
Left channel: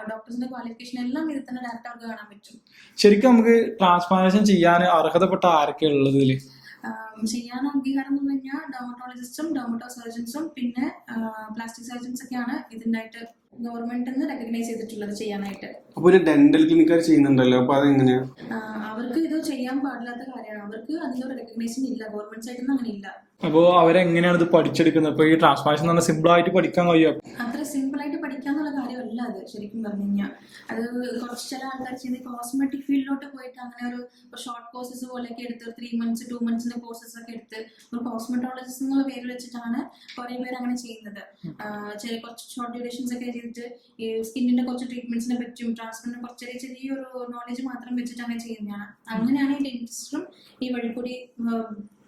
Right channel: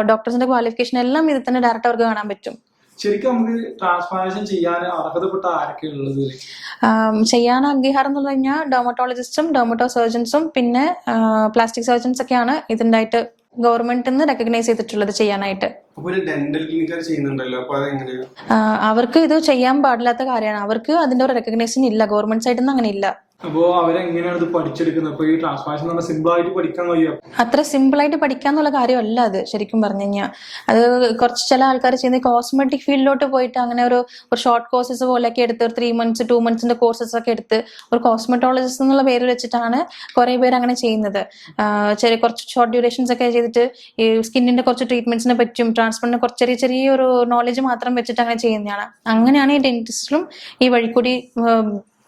ഡോക്ടേഴ്സിന്റെ ക്വാളിഫിക്കേഷൻ എല്ലാം ഇത് തന്നെ ഡയറക്റ്റ് അവർക്ക് കാണാൻ പറ്റും. ശരിക്കും നമുക്ക് ട്രാൻസ്പ്ലാന്റേഷൻ ചെയ്യാൻ അർഹതപ്പെട്ട ആരൊക്കെ ഉള്ളത്? ചെയ്യാൻ അംഗീകാരം എന്ന് പറഞ്ഞാൽ ഡെർമറ്റോളജിസ്റ്റും ഡെർമറ്റോ സർജൻസും പിന്നെ പ്ലാസ്റ്റിക് സർജൻസ് ഒക്കെയാണ് ഇതിൻ്റെ ആയിട്ട് ഗവൺമെന്റിൽ നിന്ന് റെക്കഗ്നൈസ് ചെയ്തിട്ടുള്ളത് ചെയ്യാനായിട്ട്. ഡെന്റൽ ക്ലിനിക്കർ ചെയ്യുന്നുണ്ടല്ലോ, അപ്പൊ അതെങ്ങനെയാ? അവർക്ക് ഇത് ചെയ്യാൻ പാടില്ലാത്ത കാര്യമാണ്. അവർക്ക് അതിന്റെ ഒരു റെക്കഗ്നേഷൻ ഇല്ല, ഗവൺമെന്റ് സൈഡിൽ നിന്ന് അങ്ങനെ ഇല്ല. അപ്പോ അവരെങ്ങനെയാണ് ഇത് പഠിച്ചെടുക്കുന്നത്? അപ്പൊ ഈ ട്രാൻസ്പ്ലാന്റേഷൻ സിമ്പിൾ ആയിട്ട് പഠിക്കാൻ കഴിയോ? അത്ര സിമ്പിൾ ആയിട്ട് പഠിക്കാന്നുള്ള കാര്യമല്ല അത്. ശരിക്കും പറഞ്ഞു കഴിഞ്ഞാൽ അത് കുറച്ച് ചില ആൾക്കാർ ചെയ്യുന്ന കോസ്മെറ്റിക് ഫീൽഡിലോട്ട് പോയിട്ട് അങ്ങനെ ഒരു ഷോർട്ട് കോഴ്സസ് പോലെയൊക്കെ എടുത്ത് ഒരു 3 months 2 months കോഴ്സസ് ഒക്കെ എടുത്ത് ഒരു കോസ്മെറ്റോളജിസ്റ്റ് എന്നുള്ള പേര് വെച്ചിട്ടാണ് കുറെ പേര് അങ്ങനെ ചെയ്യുന്നത്. കുറച്ച് ഷോർട്ട് ഡ്യൂറേഷൻസ് ഒക്കെ ചെയ്തിട്ട് ഈ സ്കിന്നിന്റെ കുറച്ച് ട്രീറ്റ്മെന്റ്സിനെ പറ്റും ട്രാൻസ്പ്ലാന്റിന് കുറച്ച് ചെറിയൊരു നോളജ് മാത്രം വെച്ചിട്ട് അങ്ങനെ ചെയ്യുന്നതാണ്. അങ്ങനെയാണ് ഈ ഡെന്റിസ്റ്റിലും ഈ വഴിക്കൂടി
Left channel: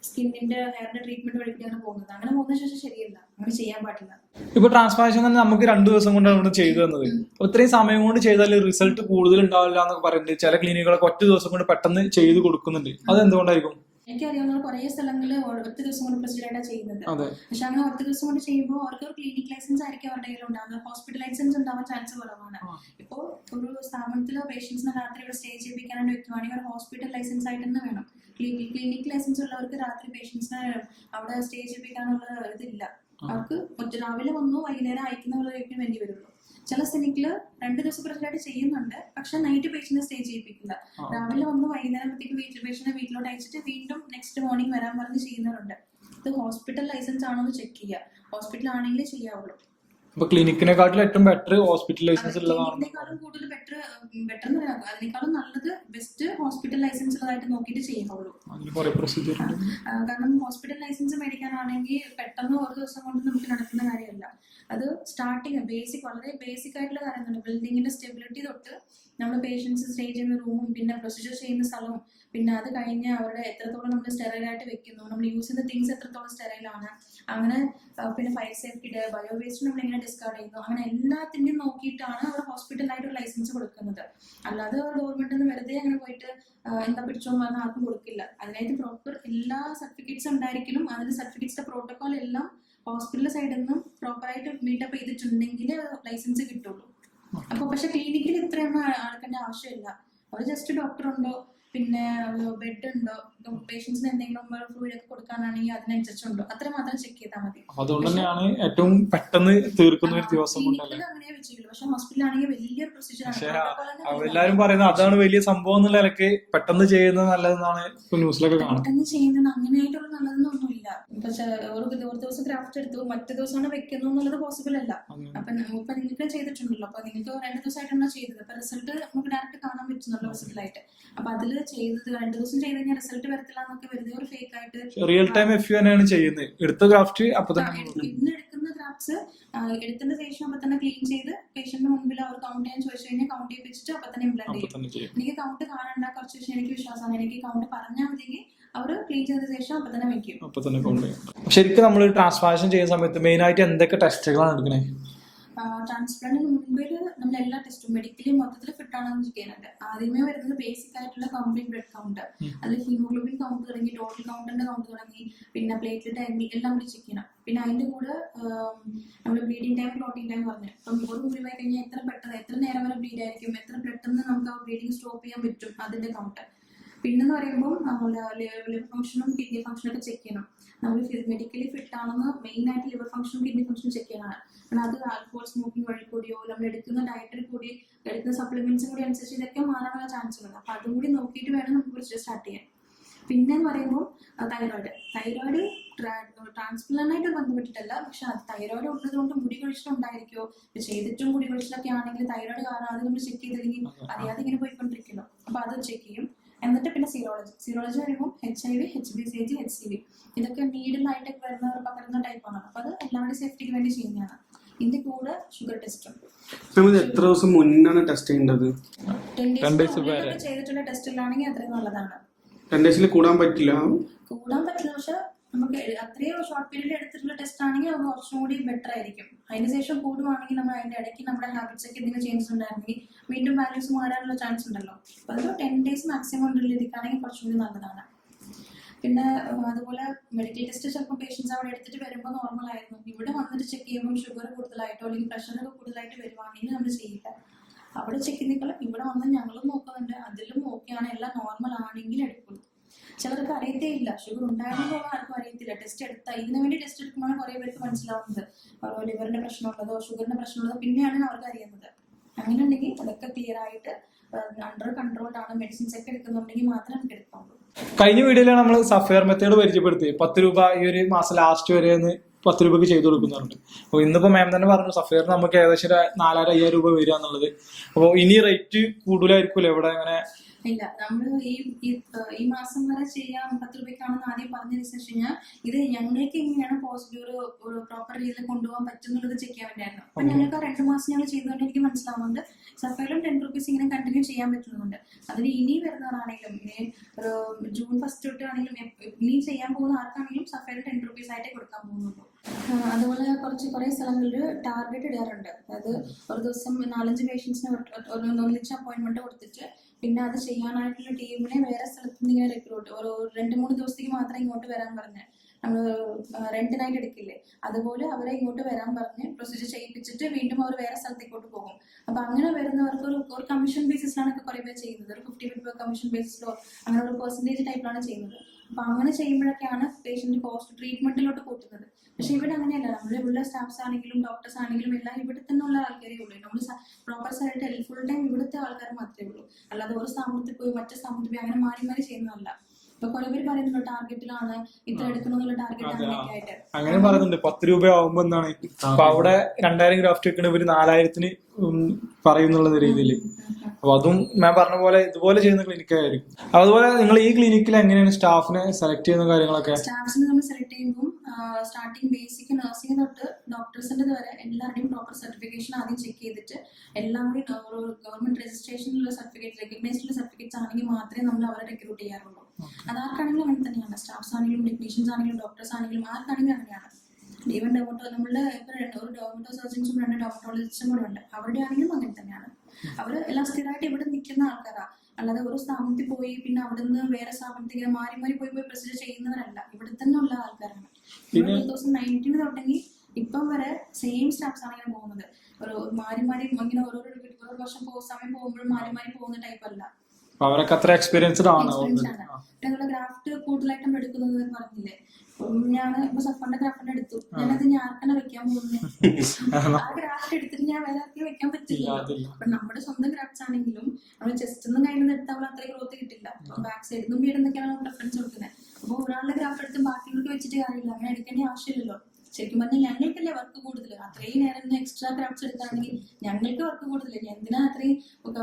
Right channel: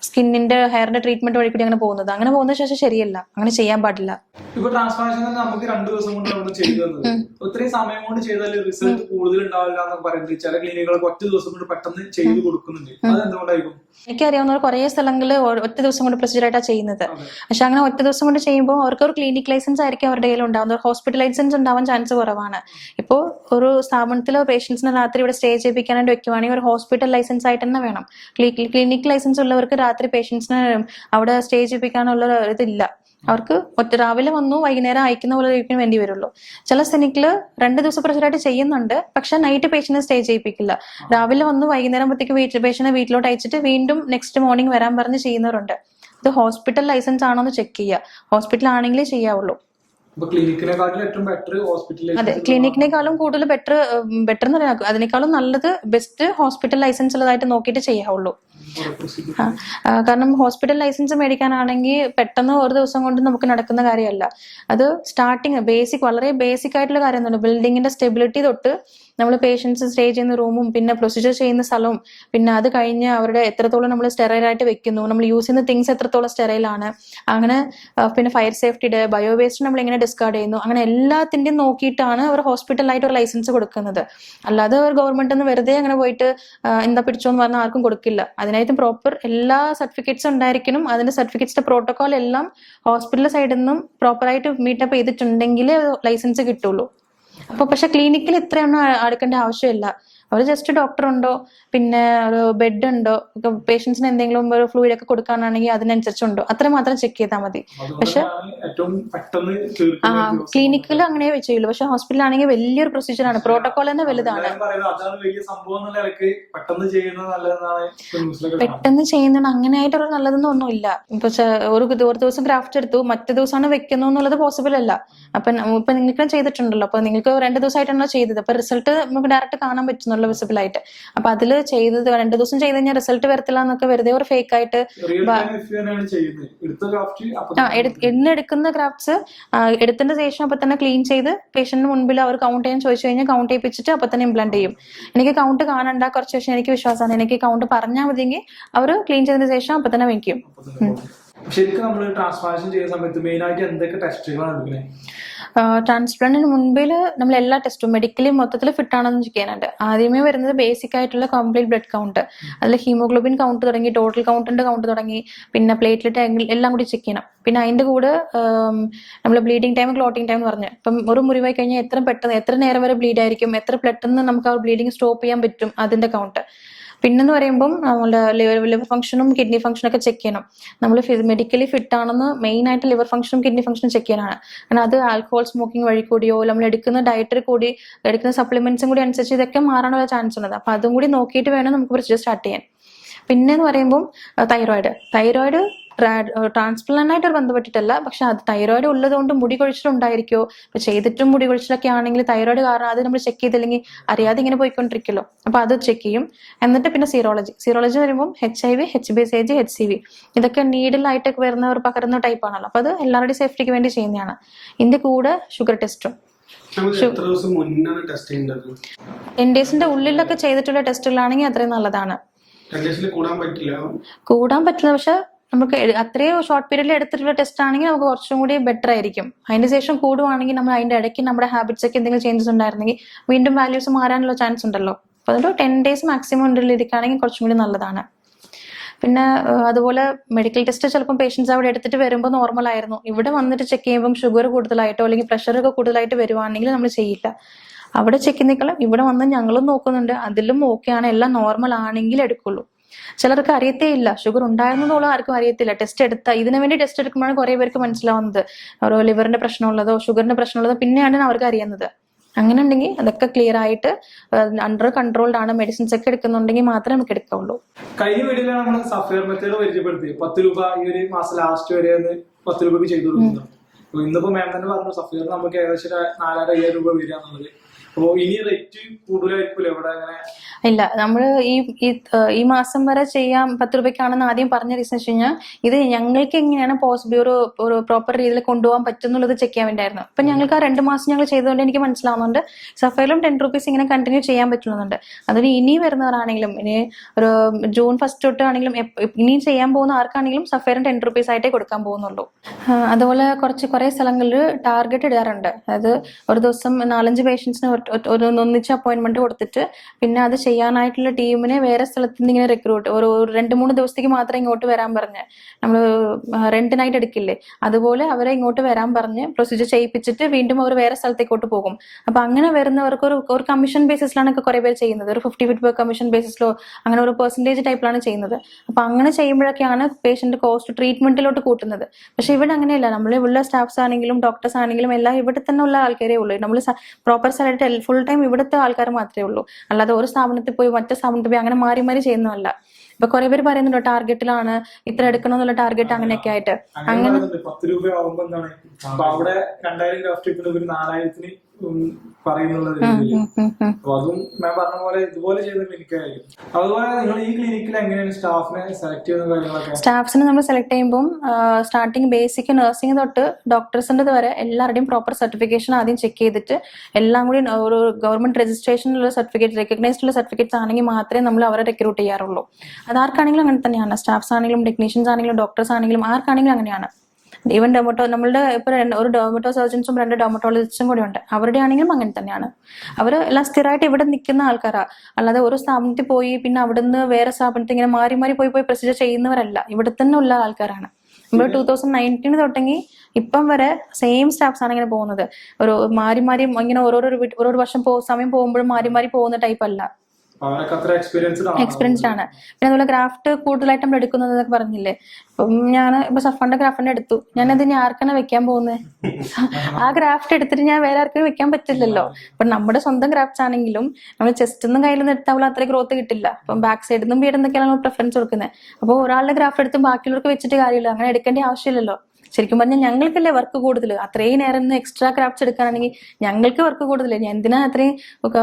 സ്കിന്നിന്റെ ഹെയറിന്റെ ട്രീറ്റ്മെന്റ് വഴി കൂടി അങ്ങനെ പോകുന്നത്. അങ്ങനെ പോകുന്ന ശേഷം ശരിയല്ല, അങ്ങനെ ചെയ്യാൻ പാടില്ല. ഇപ്പൊ ട്രാൻസ്പ്ലാന്റേഷൻ തന്നെ നമുക്ക് 2 ദിവസം കൊണ്ട് നമ്മൾ ചെയ്തു തന്നത്. ഇത്രയും സമയം കൊണ്ട് ചെയ്താൽ റിസൾട്ട് കൂടുതൽ ഉണ്ടാവില്ല എന്നൊക്കെ പറയുന്നുണ്ട്. ചില ക്ലിനിക്കുകളൊക്കെ 1 ദിവസം കൊണ്ട് പെട്ടെന്ന് ചെയ്ത് കൊടുക്കുന്നുണ്ട്. അത് എന്തുകൊണ്ടായിരിക്കും? എനിക്കറിയാവുന്ന കുറെ സ്ഥലങ്ങളിൽ 1 ദിവസം കൊണ്ട് പ്രൊസീജിയർ ആയിട്ടാണ് ചെയ്യുന്നത്. പക്ഷെ അങ്ങനെ 1 ദിവസം കൊണ്ട് ചെയ്യുമ്പോൾ അവർക്ക് ഒരു ക്ലിനിക് ലൈസൻസ് ആയിരിക്കും അവരുടെ കയ്യിൽ ഉണ്ടാവുന്നത്. ഹോസ്പിറ്റൽ ലൈസൻസ് ഉണ്ടാവാൻ ചാൻസ് കുറവാണ്. ഇപ്പോൾ ഒരു സ്ഥാപനത്തിലോ പേഷ്യൻസിനെ രാത്രി ഇവിടെ സ്റ്റേ ചെയ്യിപ്പിക്കാനായിട്ട് വെക്കുവാണെങ്കിൽ ഒരു ഹോസ്പിറ്റൽ ലൈസൻസ് ആയിട്ട് തന്നെ വേണം. ക്ലിനിക് ലൈസൻസ് ഉള്ളവർക്ക് രാത്രി പേഷ്യൻസിനെ അവിടെ സ്റ്റേ ചെയ്യിപ്പിക്കാനുള്ള ഇതില്ല. അവർക്ക് രാവിലെ വന്നു വൈകുന്നേരം അയക്കുന്ന പോലെ വേണ്ടി വരുള്ളൂ. ചില ക്ലിനിക്കില് 2 ദിവസം പ്രൊസീജിയറായിട്ട് ചെയ്യുന്നുണ്ട്, പക്ഷെ നൈറ്റ് പേഷ്യന്റിനെ സ്റ്റേ ചെയ്യിപ്പിക്കില്ല. രാവിലെ വന്ന് വൈകുന്നേരം ആകുമ്പോഴത്തേക്ക് പേഷ്യന്റിനെ വീട്ടിലോട്ട് അയച്ചിട്ട് വീണ്ടും നെക്സ്റ്റ് മോർണിംഗ് വരാൻ പറഞ്ഞ് ചെയ്യുന്നവരുണ്ട്. ഇത് ഹോസ്പിറ്റൽ ലൈസൻസ് ആണോ എന്ന് ചെക്ക് ചെയ്യുക. ഹോസ്പിറ്റൽ ആണെങ്കിലേ ചെയ്യാവുള്ളൂ. ക്ലിനിക്കിനെക്കാളും ഏറ്റവും ബെറ്റർ ഹോസ്പിറ്റൽ ലൈസൻസ്. അതെ, ക്ലിനിക്കിനേക്കാളും കൂടുതൽ ബെറ്റർ എന്ന് പറയാം. അതിനേക്കാളും നല്ലത് ബെസ്റ്റ് ഹോസ്പിറ്റൽ ലൈസൻസ് ഉള്ളതായിട്ട് നോക്കിയിട്ട് ചെയ്യാവുള്ളൂ. കാരണം ഹോസ്പിറ്റൽ ലൈസൻസ് മേടിക്കാനാണെങ്കിൽ പെട്ടെന്ന് ഒരു ദിവസം കൊണ്ട് നമുക്ക് നടക്കുന്ന കാര്യമല്ല. അത് സ്റ്റാർട്ടിങ് വളരെ ബേസിക് ആയിട്ടുള്ള കാര്യമൊന്നുമില്ല. ബിൽഡിങ്ങിന്റെ സ്റ്റെബിലിറ്റി തൊട്ട് നമ്മൾ പേഷ്യൻസ് സ്റ്റേ ചെയ്യുന്ന റൂമും പിന്നെ പ്രൊസീജിയർ ചെയ്യുന്ന സ്ഥലവും പിന്നെ അത് കഴിഞ്ഞ് അവരുടെ എത്രത്തോളം നമ്മൾ സ്റ്റെറൈലായിട്ട് വെക്കുന്നു, നമ്മൾ യൂസ് ചെയ്യുന്ന തിങ്സ് എത്രത്തോളം സ്റ്റെറൈലാണ്, അങ്ങനെ പിന്നെ ഫയർ സേഫ്റ്റിയുടെ ബയോ വേസ്റ്റ് നമ്മൾ എങ്ങനെ ഡിസ്കാർഡ് ചെയ്യുന്നു, അങ്ങനെ എല്ലാത്തിൻ്റെയും നോക്കിയിട്ടാണ് അവർ ഹോസ്പിറ്റലായിട്ട് ഒരു ലൈസൻസ് കൊടുക്കുന്നത്. അല്ലാതെ അവർ ഗവൺമെന്റ് നിന്ന് വെറുതെ അങ്ങനെ പോയിട്ട് എന്താ പിടിച്ചോന്ന് പറഞ്ഞാൽ ആർക്കും കൊടുക്കില്ല. അതിനായിട്ട് പ്രോപ്പർ എല്ലാ സർട്ടിഫിക്കറ്റ്സും ഉണ്ടായിരിക്കണം. അതിന്റെ സർട്ടിഫിക്കറ്റ്സിന്റെ പ്രോട്ടോകോൾ എല്ലാം ഹോസ്പിറ്റൽ സൈഡിൽ നിന്നും പ്രോപ്പറായിട്ട് മീറ്റപ്പ് ചെയ്തിട്ടുണ്ടെങ്കിലേ ലൈസൻസ് കിട്ടുള്ളൂ. അപ്പൊ പക്ഷെ ക്ലിനിക്കിൽ ഇത്രയൊന്നും അടുക്കേണ്ട ആവശ്യമില്ല. അവർ ജസ്റ്റ് ഡോക്ടർ ഉണ്ടോ, പിന്നെ ഒരു ബെഡ് ഉണ്ടോ, പേഷ്യൻസിന് എന്തെങ്കിലും ഒരു ഫ്ലൂയിഡ് ഒക്കെ കൊടുക്കാനാണെങ്കിൽ അതിനനുസരിച്ചുണ്ടോ, അത്ര മാത്രം ചെക്ക് ചെയ്താൽ മതി. പക്ഷെ ക്ലിനിക്കിൽ അങ്ങനെ ചെയ്യുള്ളൂ. പക്ഷെ ഹോസ്പിറ്റലാണെങ്കിൽ വലിയൊരു പ്രൊസീജിയർ ആണ്, പ്രോട്ടോകോൾ തന്നെ വലുതാണ്. പെട്ടെന്ന് ചെയ്യുന്നത് അങ്ങനെയായിട്ടുള്ള നല്ലതൊന്നും ഒന്നുമില്ല. ഇപ്പൊ ഒരു ദിവസം ക്രാഫ്റ്റ് എടുത്തു മറ്റു ദിവസമാണ് വെക്കുന്നു എന്നുള്ളത് പോസിബിൾ അല്ല. അപ്പൊ നിങ്ങൾക്ക് ചെയ്തിട്ടുണ്ടല്ലോ, അപ്പൊ നിങ്ങൾക്ക് 2 ദിവസമായിട്ടാണല്ലോ ചെയ്തത്, അപ്പൊ റിസൾട്ട് നമുക്ക് ഡയറക്റ്റ് കാണാൻ പറ്റുന്നുള്ളൂ വിസിബിൾ ആയിട്ട്. അപ്പൊ അതിൽ ചെയ്തത് 2 ദിവസം ചെയ്ത് കഴിഞ്ഞാൽ റിസൾട്ട് വരത്തില്ല എന്നൊക്കെ വെറുതെ ഒരു ഫേക്ക് ആയിട്ട് ഇന്ന് എടുക്കുന്ന ക്രാഫ്റ്റ്സ് എടുത്തതിന് ശേഷം അപ്പൊ തന്നെ ക്ലീൻ ചെയ്ത് പേഷ്യന്റിന് മുൻപിൽ അവർ കൗണ്ട് ചെയ്യാൻ ചോദിച്ചു കഴിഞ്ഞാൽ കൗണ്ട് ചെയ്യിപ്പിച്ചിട്ട് അപ്പൊ തന്നെ ഇംപ്ലാന്റ് ചെയ്യും. എനിക്ക് കൗണ്ട് കാണണ്ട, കുറച്ച് ശേഷം എനിക്ക് വിശ്വാസമാണ്, എനിക്ക് കൗണ്ട് പറഞ്ഞാൽ മതിയെങ്കിൽ അവർ ക്ലീൻ ചെയ്തതിന് ശേഷം അപ്പൊ തന്നെ വെക്കും. ശരിക്കും നമ്മൾ ട്രാൻസ്പ്ലാന്റേഷൻ ചെയ്യുന്ന സമയത്ത് മെയിൻ ആയിട്ട് എന്തൊക്കെ ടെസ്റ്റുകളാണ് എടുക്കണേ? ട്രാൻസ്പ്ലാന്റിന് മുൻപിൽ നമ്മൾ എല്ലാ ടെസ്റ്റും മെഡിക്കലി മൊത്തത്തിൽ ഫിറ്റ് ആണെന്ന് ചെക്ക് ചെയ്യാനുണ്ട്. ആദ്യമേ വരുന്നത് ബേസിക് ആയിട്ടുള്ള കംപ്ലീറ്റ് ബ്ലഡ് കൗണ്ട്, അതിൽ ഹീമോഗ്ലോബിൻ കൗണ്ട് തുടങ്ങി ടോട്ടൽ കൗണ്ടിന്റെ കൗണ്ട് തുടങ്ങി പിന്നെ പ്ലേറ്റ്ലെറ്റ് എല്ലാം കൂടി ചെക്ക് ചെയ്യണം. പിന്നെ അതിന്റെ കൂടെ നമ്മൾ ബ്ലീഡിങ് ടൈം ക്ലോട്ടിങ് ടൈം എന്ന് പറഞ്ഞ് ഇപ്പം ഒരു മുറിവായി കഴിഞ്ഞാൽ എത്ര നേരം വരെ ബ്ലീഡ് ആയിരിക്കും, എത്ര പെട്ടെന്ന് നമുക്ക് ആ ബ്ലീഡിങ് സ്റ്റോപ്പ് ചെയ്യാൻ പറ്റും, അതിന്റെ കൗണ്ട്. പിന്നെന്ന് പറയുമ്പോൾ നമ്മുടെ ലിവർ ഫംഗ്ഷനും കിഡ്നി ഫംഗ്ഷനും ഒക്കെ ചെക്ക് ചെയ്യണം. നമ്മൾ മെഡിക്കലി ഫിറ്റ് ആണെന്ന് മെയിൻ ആയിട്ട് ലിവർ ഫംഗ്ഷനും കിഡ്നി ഫംഗ്ഷനും ചെക്ക് ചെയ്യാനാണ്. കാരണം അത് ആൽക്കഹോൾ സ്മോക്കിംഗ് വഴി കൂടിയോ നമ്മൾ എടുക്കുന്ന ഡയറ്ററി കൂടി എടുക്കുന്ന സപ്ലിമെന്റ്സും കൂടി അനുസരിച്ച് ഇതൊക്കെ മാറാനുള്ള ചാൻസ് ഉണ്ട്. അപ്പൊ അതും കൂടി നോക്കിയിട്ട് വേണം നമുക്ക് പ്രൊസീജിയർ സ്റ്റാർട്ട് ചെയ്യാൻ. പിന്നെന്ന് പറയുമ്പോൾ തൈറോയിഡ് ട്രാൻസ്പ്ലാന്റായിട്ട് ബന്ധപ്പെട്ടിട്ടല്ല, പക്ഷെ അത് തൈറോയിഡ് ഉള്ളത് കൊണ്ട് മുടി കൊഴിച്ചിലുണ്ടായിരിക്കോ, ഇപ്പൊ ചെയ്തിട്ടും മുടി കൊഴിച്ചിലൊക്കെ ആണെങ്കിൽ തൈറോയിഡ് കാരണം അത് നമ്മൾ ചെക്ക് ചെയ്തില്ലെങ്കിൽ അറിയാതെ ഇങ്ങനെ പോയിക്കൊണ്ടിരിക്കുമല്ലോ. അപ്പൊ അത് ചെക്ക് ചെയ്യും. എന്നിട്ട് പിന്നെ സീറോളജി വരുമ്പോൾ HIV, HBsAg, HCV ഇതൊക്കെ നീഡിലായിട്ടൊക്കെ വരുന്നവർ പകരുന്ന ടൈപ്പ് ആണല്ലോ. അപ്പൊ അത് എല്ലാവരുടെയും സേഫ്റ്റിക്ക് വേണ്ടി ചെയ്യുന്നതാണ്. ഇതിന്റെ കൂടെ ഷുഗർ ടെസ്റ്റും 10 ഡേയ്സിന്റെ ഉള്ളിലൊക്കെ ചെയ്തിട്ടുള്ള ടെസ്റ്റുകളാണെങ്കിൽ അത്രയും നല്ലതാണ്. കൂടാൻ പറ്റില്ല, പക്ഷെ നമുക്ക് അത്രയും ഷോർട്ട് പീരീഡിൽ എടുത്തിട്ടുള്ള ടെസ്റ്റ് ആണെങ്കിൽ നമുക്ക് കുറച്ചും കൂടി ബെറ്റർ ആയിരിക്കും. അതിന് ശേഷം കൂടുവാണെങ്കിൽ നമ്മൾ അതിന്റെ ഇടയ്ക്ക് നമ്മുടെ ഹാബിറ്റ്സ് ഒക്കെ എന്തെങ്കിലും ചേഞ്ചസ് ഉണ്ടായിരുന്നെങ്കിൽ വീണ്ടും വാല്യൂസ് മാറാനുള്ള ചാൻസ് ഉണ്ടല്ലോ. അപ്പൊ അതൊരു 10 ഡേയ്സ് മാക്സിമം ഉള്ളിലിരിക്കുകയാണെങ്കിൽ കുറച്ചും കൂടി നല്ലതാണ്. പിന്നെ അതുപോലെ മെഡിക്കൽ ടെസ്റ്റ് ചിലപ്പോൾ പേഷ്യൻസ് അവിടെ എടുത്തിട്ട് വരുമ്പോൾ നോർമൽ ആയിരുന്നു, ഇവിടെ വന്നിട്ട് ചെക്ക് ചെയ്യുമ്പോൾ ഷുഗർ കൂടുതലായിട്ടോ അല്ലെങ്കിൽ പ്രഷറൊക്കെ കൂടുതലായിട്ട് വരുവാണെങ്കിൽ നമ്മൾ ചെയ്യില്ല. അവിടെ ചെക്ക് ചെയ്യുന്നേക്കാളും ഇവിടെ വന്ന് ഞങ്ങളും നോക്കുന്നുണ്ട്, അതിലും ഓക്കെ ആണ്, എല്ലാം നോർമൽ ആണെങ്കിൽ എടുക്കുള്ളൂ. ചിലർക്ക് അറിയത്തേ ഇല്ല, ഷുഗർ ഉണ്ടായിരുന്നുള്ള ആർക്കും അറിയത്തില്ല. ടെസ്റ്റ് ഇതിനു വേണ്ടി ടെസ്റ്റ് എടുക്കുമ്പോഴാണ് കുറെ പേർക്ക് മനസ്സിലാവുന്നത് ഓരോ ലിവറിന്റെ പ്രശ്നമുള്ളതോ ഷുഗറിന്റെ പ്രശ്നമുള്ളതോ പിന്നെയാണ് അവർക്ക് അറിയുന്നത്. അങ്ങനെ ഉണ്ടെങ്കിൽ അതൊക്കെ ക്ലിയർ ആയിട്ട് അണ്ടർ കൺട്രോൾഡ് ആണ്, മെഡിസിൻസ് ഒക്കെ എടുക്കുന്നുണ്ടെങ്കിൽ മാത്രമേ നമുക്ക് എടുക്കാവുള്ളൂ. കഴിഞ്ഞ വീഡിയോയിലാണ് നമ്മൾ സഫയർ മെത്തേഡ് പരിചയപ്പെടുത്തി. 10 രൂപ ഈ ഒരു മാസം ലാസ്റ്റ് വരെ 10 രൂപയ്ക്ക് ചെയ്തു കൊടുക്കുന്നുണ്ട്. അപ്പൊ ഇന്നിപ്പോ മാം തന്നെ പറഞ്ഞു സഫയർ നമുക്ക് ഏകദേശം 4,500 രൂപ വരിക എന്നുള്ളത്. അപ്പൊ ഇനി റേറ്റ് കൂടുതലായിരിക്കുമല്ലോ ഇവിടെ? അങ്ങനെ ഇല്ല, നമ്മൾ ഈ മാസം വരെ ചെയ്യാം 10 രൂപയ്ക്കാണെന്ന് ആദ്യം പറഞ്ഞ റീസൺ വെച്ച് കഴിഞ്ഞാൽ ഇത് ഞങ്ങൾക്ക് എങ്ങനെയാണ് പോസിബിൾ ഒരു പ്രോപ്പർ രീതിയിൽ കൊണ്ടുപോകാൻ പറ്റുന്നുള്ളത് ചെക്ക് ചെയ്യാൻ വേണ്ടിയായിരുന്നു. അപ്പൊ ഞങ്ങൾക്ക് ആ 2 മാസം ഞങ്ങൾ ചെയ്തുകൊണ്ട് എനിക്ക് മനസ്സിലാവുന്നുണ്ട് സഫയറിലും 10 രൂപീസ് ഇങ്ങനെ കണ്ടിന്യൂ ചെയ്യാൻ പറ്റുന്നുണ്ട്. അതിന് ഇനി വരുന്നവരാണെങ്കിലും ഇനി ഒരു ജൂൺ 1 തൊട്ടാണെങ്കിലും ഇനിയും ചെയ്യാൻ പോകുന്ന ആർക്കാണെങ്കിലും സഫയറും 10 രൂപീസ് ആയിട്ടേ കൊടുക്കാൻ പോകുന്നുള്ളൂ. അതുപോലെ കുറെ സ്ഥലങ്ങളിൽ ടാർഗറ്റ് ഇടാറുണ്ട്. അതായത് ഒരു ദിവസം 4-5 പേഷ്യൻസിന് ഒന്നിച്ച് അപ്പോയിന്റ്മെന്റ് കൊടുത്തിട്ട് പിന്നെ അത് ചെയ്യാനായിട്ടുള്ള ടീമിനെ വേറെ സ്ഥലത്ത് നിന്ന് ഇങ്ങനെ റിക്രൂട്ട് ഒരു 2-3 ദിവസത്തേക്ക് മാത്രമേ ഇങ്ങോട്ട് വരാൻ പറഞ്ഞ് നമ്മൾ റെന്റിനായിട്ട് എടുക്കില്ലേ, അതുപോലെ അവരെ ഇങ്ങോട്ട് വരാൻ പറഞ്ഞ് പ്രൊസീജിയർ ചെയ്യിപ്പിച്ചിട്ട് വീണ്ടും അവർ വേറെ സ്ഥലത്തേക്കോട്ട് പോകും. അപ്പൊ അങ്ങനെ വരുന്നവർക്ക് ഒരു കമ്മീഷൻ ബേസിസിലാണ് കുറെ പേര് ചെയ്യുന്നത്. ഒരു 50 കമ്മീഷൻ ബേസിസിലോ അങ്ങനെ ഒരു പെർസെന്റേജ് ടൈപ്പിലാണ് ചെയ്യുന്നത്. അപ്പൊ അങ്ങനെ ചെയ്യുമ്പോഴൊക്കെയാണ് പേഷ്യന്റ് കോസ്റ്റ് ട്രീറ്റ്മെന്റിലോട്ട് കൂട്ടുന്നത്. പക്ഷെ ഇവിടെ അങ്ങനെയല്ല, നമ്മൾ ഇവിടെ സ്റ്റാഫ്സ് ആണെങ്കിലും ഡോക്ടേഴ്സ് ആണെങ്കിലും എല്ലാം ഇവിടെ തന്നെ ഉള്ള ആൾക്കാരേ ഉള്ളൂ. നമ്മൾ പ്രോപ്പർ സാലറി ഫുൾ ടൈം ഇവിടുത്തെ ആൾക്കാർ മാത്രമേ ഉള്ളൂ. അല്ലാതെ ഒരു സ്ഥാപനത്തിൽ പോയി മറ്റേ സ്ഥാപനത്തിൽ പോയി അങ്ങനെ മാറി മാറി ചെയ്യുന്നതല്ല. ഇപ്പൊ കുറെ പേര് പറയുന്നുണ്ടോ ടാർഗറ്റിലാണ് ഇത്ര എടുക്കണമെന്നുള്ള ടാർഗറ്റ് അങ്ങനെയൊക്കെ ആയിട്ട്. 10 രൂപ ആവുമ്പോ എന്താണ് അപ്പൊ അവിടെ 2000 ഗ്രാഫ്റ്റ് എടുക്കണ 4000-ന് പറയുന്നുള്ള രീതിയിൽ. അപ്പൊ അതും ഞാൻ പറഞ്ഞ പോലെ ഇതുപോലെ ചെയ്യുന്ന ക്ലിനിക്കായിരിക്കും. അതുപോലെ നിങ്ങൾ ഈ ക്ലിനിക്കിൽ എങ്ങനെയാണ് സ്റ്റാഫിനെ സെലക്ട് ചെയ്യുന്ന കാര്യങ്ങളൊക്കെ? സ്റ്റാഫ്സിനെ നമ്മൾ സെലക്ട് ചെയ്യുമ്പോൾ സ്റ്റാർട്ടിങ് ബേസിക് നഴ്സിംഗ് തൊട്ട് ഡോക്ടേഴ്സിൻ്റെ വരെ എല്ലാവരുടെയും പ്രോപ്പർ സർട്ടിഫിക്കേഷൻ ആദ്യം ചെക്ക് ചെയ്തിട്ട് എല്ലാം കൂടി ഒരു ഗവൺമെന്റ് രജിസ്ട്രേഷനിലുള്ള സർട്ടിഫിക്കറ്റ്, റെക്കഗ്നൈസ്ഡ് ഉള്ള സർട്ടിഫിക്കറ്റ്സ് ആണെങ്കിൽ മാത്രമേ നമ്മൾ അവരെ റിക്രൂട്ട് ചെയ്യാറുള്ളൂ. അതാർക്കാണെങ്കിലും അങ്ങനെ തന്നെയാണ്. സ്റ്റാഫ്സ് ആണെങ്കിലും ടെക്നീഷ്യൻസ് ആണെങ്കിലും ഡോക്ടേഴ്സ് ആണെങ്കിലും ആർക്കാണെങ്കിലും അങ്ങനെയാണ്. ഈവൻ നമ്മളുടെ ഇപ്പൊ ഒരു ഡെർമറ്റോ സർജൻസും 2 ഡെർമറ്റോളജിസ്റ്റും കൂടെ ഉണ്ട്. അവരുടെ ആണെങ്കിലും അങ്ങനെ തന്നെയാണ്. അവർ എല്ലാം സ്ഥിരമായിട്ട് ഇവിടെ നിൽക്കുന്ന ആൾക്കാരാ. അല്ലാതെ ഒരു സ്ഥാപനത്തിൽ പോയി പിന്നെ അവിടുന്ന് വേറെ സ്ഥാപനത്തിൽ ഇങ്ങനെ മാറി മാറി പോയി പ്രൊസീജിയർ ചെയ്യുന്നവരല്ല. ഇവിടെ തന്നെ ഉള്ള ആൾക്കാരാണ്. നമ്മൾ 2019 തുടങ്ങി ഇപ്പം വരെ സെയിം സ്റ്റാഫ്സ് ആണ് ഇങ്ങനെ പോകുന്നത്. ഒരു മാറി മാറി ഇങ്ങനെ ഓരോ വർഷം സമയം പോകുമ്പോഴും മാറി മാറി പോകുന്ന ടൈപ്പ് അല്ല. എക്സ്പീരിയൻസ്ഡ് ആണ്. പിന്നെ അതുപോലെ ഗ്രാഫ്റ്റ് കൂടുതലായിട്ട് നമ്മൾ എടുക്കുന്നത് പറഞ്ഞില്ലേ. ഇപ്പം ഞാൻ ഇപ്പൊ സഫാന്റെ ഗ്രാഫ്റ്റിനെ എടുത്തു. ഞാനത് ഇനി ആർക്കാണ് വെക്കാൻ പോകുന്നത്? ആ ഗ്രാഫ്റ്റ് എടുത്തിട്ട് ഞാൻ വേറെ ആർക്കും വെക്കാൻ പറ്റില്ലല്ലോ. അപ്പൊ നമ്മുടെ സ്വന്തം ഗ്രാഫ്റ്റ്സ് ആണെങ്കിലും നമ്മൾ ചെസ്റ്റ് ഒന്നും കയ്യിൽ നിന്ന് എടുത്താൽ അത്ര ഗ്രോത്ത് കിട്ടില്ല. അപ്പം ബാക്ക് സൈഡിൽ നിന്നും വീട് എന്തൊക്കെയാണ് നമ്മൾ പ്രിഫറൻസ് കൊടുക്കുന്നത്. അപ്പോൾ ഒരാളുടെ ഗ്രാഫ്റ്റ് എടുത്ത് ബാക്കിയുള്ളവർക്ക് വെച്ചിട്ട് കാര്യമില്ല. അങ്ങനെ എടുക്കേണ്ട ആവശ്യമില്ലല്ലോ. ശരിക്കും പറഞ്ഞാൽ ഞങ്ങൾക്കല്ലേ വർക്ക് കൂടുതൽ. അത്രയും നേരം എക്സ്ട്രാ ക്രാഫ്റ്റ്സ് എടുക്കാനാണെങ്കിൽ ഞങ്ങൾക്ക് വർക്ക് കൂടുതൽ. ഞാൻ എന്തിനാ അത്രയും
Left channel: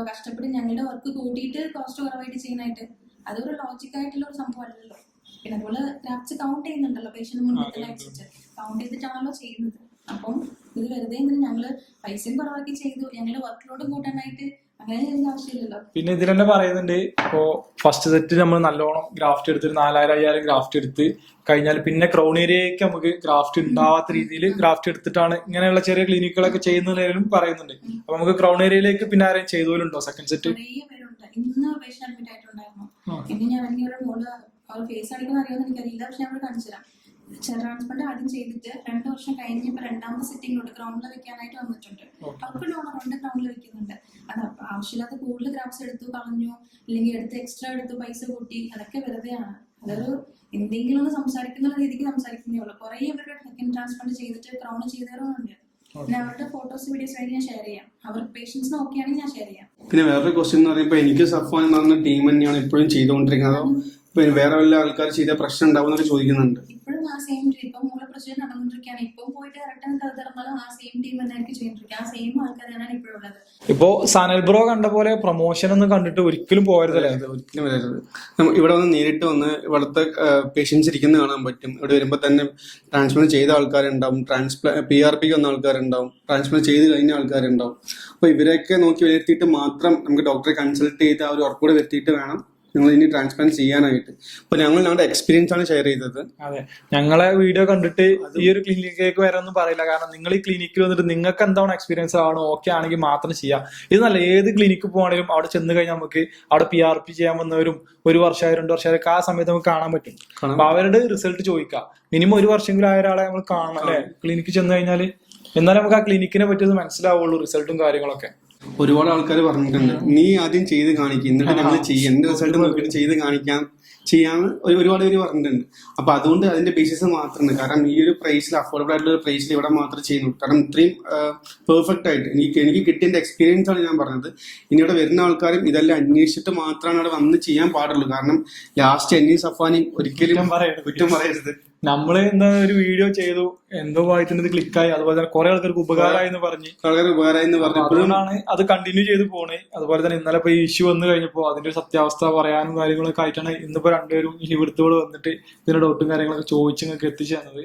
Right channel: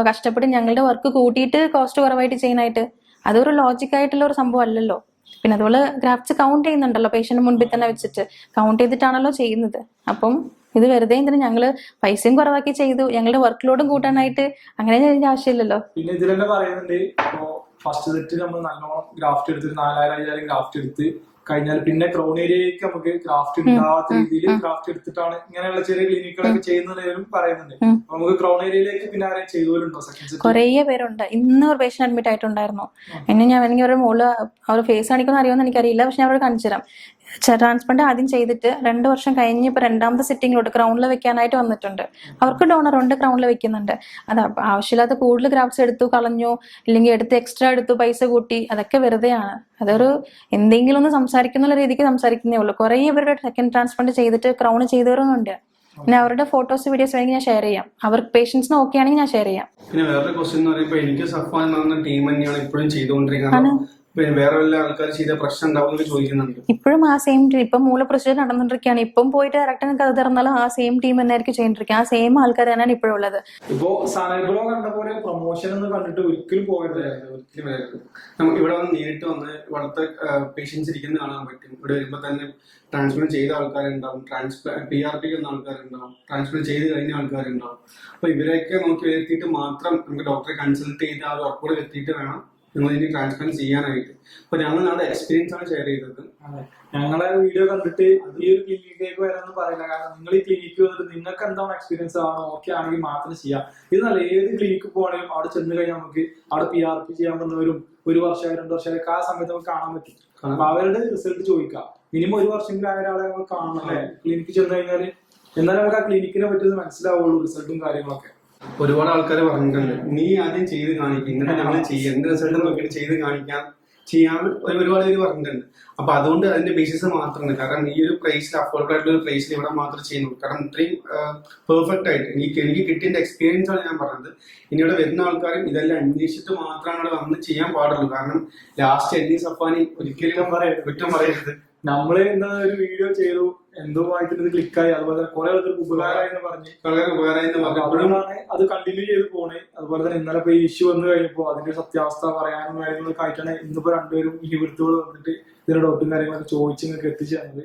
കഷ്ടപ്പെട്ട് ഞങ്ങളുടെ വർക്ക് കൂട്ടിയിട്ട് കോസ്റ്റ് കുറവായിട്ട് ചെയ്യാനായിട്ട്? അതൊരു ലോജിക്കായിട്ടുള്ള ഒരു സംഭവം അല്ലല്ലോ. പിന്നെ അതുപോലെ ഗ്രാഫ്റ്റ്സ് കൗണ്ട് ചെയ്യുന്നുണ്ടല്ലോ പേഷ്യന്റ് മുൻപിൽ തന്നെ വെച്ചിട്ട് കൗണ്ട് ചെയ്തിട്ടാണല്ലോ ചെയ്യുന്നത്. അപ്പം ഇത് വെറുതെ എന്തിനാ ഞങ്ങള് പൈസയും കുറവാക്കി ചെയ്തു ഞങ്ങളുടെ വർക്ക് ലോഡും കൂട്ടാനായിട്ട് അങ്ങനെ ചെയ്യേണ്ട ആവശ്യമില്ലല്ലോ. പിന്നെ ഇതിൽ തന്നെ പറയുന്നുണ്ട്, ഇപ്പോ ഫസ്റ്റ് സെറ്റ് നമ്മൾ നല്ലോണം ഗ്രാഫ്റ്റ് എടുത്തിട്ട് 4000-5000 ഗ്രാഫ്റ്റ് എടുത്ത് കഴിഞ്ഞാൽ പിന്നെ ക്രൗൺ ഏരിയയ്ക്ക് നമുക്ക് ഗ്രാഫ്റ്റ് ഉണ്ടാവാത്ത രീതിയിൽ ഗ്രാഫ്റ്റ് എടുത്തിട്ടാണ് ഇങ്ങനെയുള്ള ചെറിയ ക്ലിനിക്കുകളൊക്കെ ചെയ്യുന്നതിലും പറയുന്നുണ്ട്. അപ്പൊ നമുക്ക് ക്രൗൺ ഏരിയയിലേക്ക് പിന്നെ ആരെയും ചെയ്തോലുണ്ടോ സെക്കൻഡ് സെറ്റ്? കുറേ പേരുണ്ട്. ഇന്ന് ഒരു പേഷ്യന്റ് അഡ്മിറ്റ് ആയിട്ടുണ്ടായിരുന്നു. എന്നെ ഞാൻ വേണമെങ്കിൽ ഒരു മോള് അവർ ഫേസ് കാണിക്കുന്ന അറിയുമെന്ന് എനിക്കറിയില്ല. പക്ഷെ ഞാൻ അവിടെ കാണിച്ചു തരാം. ട്രാൻസ്പ്ലാന്റ് ആദ്യം ചെയ്തിട്ട് 2 വർഷം കഴിഞ്ഞ് ഇപ്പൊ 2ാമത്തെ സിറ്റിങ്ങിലോട്ട് ക്രൗണിൽ വെക്കാനായിട്ട് വന്നിട്ടുണ്ട്. അവർക്ക് ഡോണർ ഉണ്ട്, ക്രൗണിൽ വെക്കുന്നുണ്ട്. അത് ആവശ്യമില്ലാത്ത കൂടുതൽ ഗ്രാഫ്റ്റ്സ് എടുത്തു കളഞ്ഞു, ഇല്ലെങ്കിൽ എടുത്ത് എക്സ്ട്രാ എടുത്തു പൈസ കൂട്ടി, അതൊക്കെ വെറുതെയാണ്. അതൊരു എന്തെങ്കിലും ഒന്ന് സംസാരിക്കുന്ന രീതിക്ക് സംസാരിക്കുന്നേ ഉള്ളൂ. കുറേ പേരുടെ സെക്കൻഡ് ട്രാൻസ്പ്ലാന്റ് ചെയ്തിട്ട് ക്രൗൺ ചെയ്തവരൊന്നുണ്ട്. പിന്നെ അവരുടെ ഫോട്ടോസ് വീഡിയോസ് വേണമെങ്കിൽ ഞാൻ ഷെയർ ചെയ്യാം. അവർക്ക് പേഷ്യൻസിന് ഓക്കെ ആണെങ്കിൽ ഞാൻ ഷെയർ ചെയ്യാം. പിന്നെ വേറൊരു ക്വസ്റ്റ്യൻ എന്ന് പറയുമ്പോൾ എനിക്ക് സഫാൻ എന്ന ടീം തന്നെയാണ് ഇപ്പോഴും ചെയ്തുകൊണ്ടിരിക്കുന്നത്. വേറെ വല്ല ആൾക്കാർ ചെയ്ത പ്രശ്നം ഉണ്ടാവുന്നൊക്കെ ചോദിക്കുന്നുണ്ട്. ഇപ്പോഴും ആ സെയിം ടീം ഇപ്പം മൂല പ്രൊസീജിയർ നടന്നുകൊണ്ടിരിക്കുകയാണ്. ഇപ്പം പോയിട്ട് ഡയറക്റ്റ് കഥ തുറന്നാലും ആ സെയിം ടീം തന്നെയായിരിക്കും ചെയ്തിരിക്കുക. ആ സെയിം ആൾക്കാർ തന്നെയാണ് ഇപ്പോഴും ഉള്ളത്. ഇപ്പോ സനൽ ബ്രോ കണ്ട പോലെ പ്രൊമോഷൻ ഒന്നും കണ്ടിട്ട് ഒരിക്കലും പോയതല്ലേ? ഒരിക്കലും വരരുത്. ഇവിടെ വന്ന് നേരിട്ട് വന്ന് ഇവിടുത്തെ പേഷ്യൻസ് ഇരിക്കുന്നത് കാണാൻ പറ്റും. ഇവിടെ വരുമ്പോൾ തന്നെ ട്രാൻസ്പ്ലാന്റ് ചെയ്ത ആൾക്കാരുണ്ടാവും, PRP വന്ന ആൾക്കാരുണ്ടാവും, ട്രാൻസ്പ്ലാന്റ് ചെയ്ത് കഴിഞ്ഞ ആൾക്കാരുണ്ടാവും. അപ്പൊ ഇവരെയൊക്കെ നോക്കി വരുത്തിയിട്ട് മാത്രം നമുക്ക് ഡോക്ടറെ കൺസൾട്ട് ചെയ്ത് ആ ഒരു ഉറപ്പ് കൂടെ വരുത്തിയിട്ട് വേണം ഞങ്ങൾ ഇനി ട്രാൻസ്പ്ലാന്റ് ചെയ്യാനായിട്ട്. അപ്പൊ ഞങ്ങൾ ഞങ്ങളുടെ എക്സ്പീരിയൻസ് ആണ് ഷെയർ ചെയ്തത്. അതെ, ഞങ്ങളെ വീഡിയോ കണ്ടിട്ട് ഈ ഒരു ക്ലിനിക്കിലേക്ക് വരാനൊന്നും പറയില്ല. കാരണം നിങ്ങൾ ഈ ക്ലിനിക്കിൽ വന്നിട്ട് നിങ്ങൾക്ക് എന്താണ് എക്സ്പീരിയൻസ് ആണോ ഓക്കെ ആണെങ്കിൽ മാത്രം ചെയ്യാം. ഇത് നല്ല ഏത് ക്ലിനിക്ക് പോകണമെങ്കിലും അവിടെ ചെന്ന് കഴിഞ്ഞാൽ നമുക്ക് അവിടെ PRP ചെയ്യാൻ വന്നവരും 1 വർഷമായി 2 വർഷമായി ആ സമയത്ത് നമുക്ക് കാണാൻ പറ്റും. അപ്പൊ അവരുടെ റിസൾട്ട് ചോദിക്കാം. മിനിമം 1 വർഷമെങ്കിലും ആയ ഒരാളെ നമ്മൾ കാണണം അല്ലെ ക്ലിനിക്കിൽ ചെന്ന് കഴിഞ്ഞാല്. എന്നാലും നമുക്ക് ആ ക്ലിനിക്കിനെ പറ്റിയൊന്ന് മനസ്സിലാവുള്ളൂ റിസൾട്ടും കാര്യങ്ങളൊക്കെ. ഒരുപാട് ആൾക്കാർ പറഞ്ഞിട്ടുണ്ട്, നീ ആദ്യം ചെയ്ത് കാണിക്കും എന്നിട്ട് ഞങ്ങൾ ചെയ്യാം, എന്റെ റിസൾട്ട് നോക്കിയിട്ട് ചെയ്ത് ചെയ്യാന്ന് ഒരുപാട് പേര് പറഞ്ഞിട്ടുണ്ട്. അപ്പൊ അതുകൊണ്ട് അതിന്റെ ബേസിസ് മാത്രമാണ്. കാരണം ഈ ഒരു പ്രൈസിൽ അഫോർഡബിൾ ആയിട്ടുള്ള ഒരു പ്രൈസിൽ ഇവിടെ മാത്രമേ ചെയ്യുന്നുള്ളൂ. കാരണം ഇത്രയും പെർഫെക്റ്റ് ആയിട്ട് എനിക്ക് കിട്ടിയ എക്സ്പീരിയൻസ് ആണ് ഞാൻ പറഞ്ഞത്. ഇനി ഇവിടെ വരുന്ന ആൾക്കാരും ഇതെല്ലാം അന്വേഷിച്ചിട്ട് മാത്രമാണ് അവിടെ വന്ന് ചെയ്യാൻ പാടുള്ളൂ. കാരണം ലാസ്റ്റ് എന്നെ സഫാനി ഒരിക്കലും കുറ്റം പറയരുത്. നമ്മള് എന്താ ഒരു വീഡിയോ ചെയ്തു, എന്തോ ഭാഗത്തിന് ക്ലിക്കായി, അതുപോലെ തന്നെ കുറെ ആൾക്കാർക്ക് ഉപകാരമായി എന്ന് പറഞ്ഞ് അതുകൊണ്ടാണ് അത് കണ്ടിന്യൂ ചെയ്ത് പോണേ. അതുപോലെ തന്നെ ഇന്നലെ ഇപ്പൊ ഈ ഇഷ്യൂ വന്നു കഴിഞ്ഞപ്പോ അതിന്റെ ഒരു സത്യാവസ്ഥ പറയാനും കാര്യങ്ങളൊക്കെ ആയിട്ടാണ് ഇന്നിപ്പോ 2 പേരും ഈ ഇവിടുത്തോട് വന്നിട്ട് ഇതിന്റെ ഡോട്ടും കാര്യങ്ങളൊക്കെ ചോദിച്ച് നിങ്ങൾക്ക് എത്തിച്ചു തന്നത്.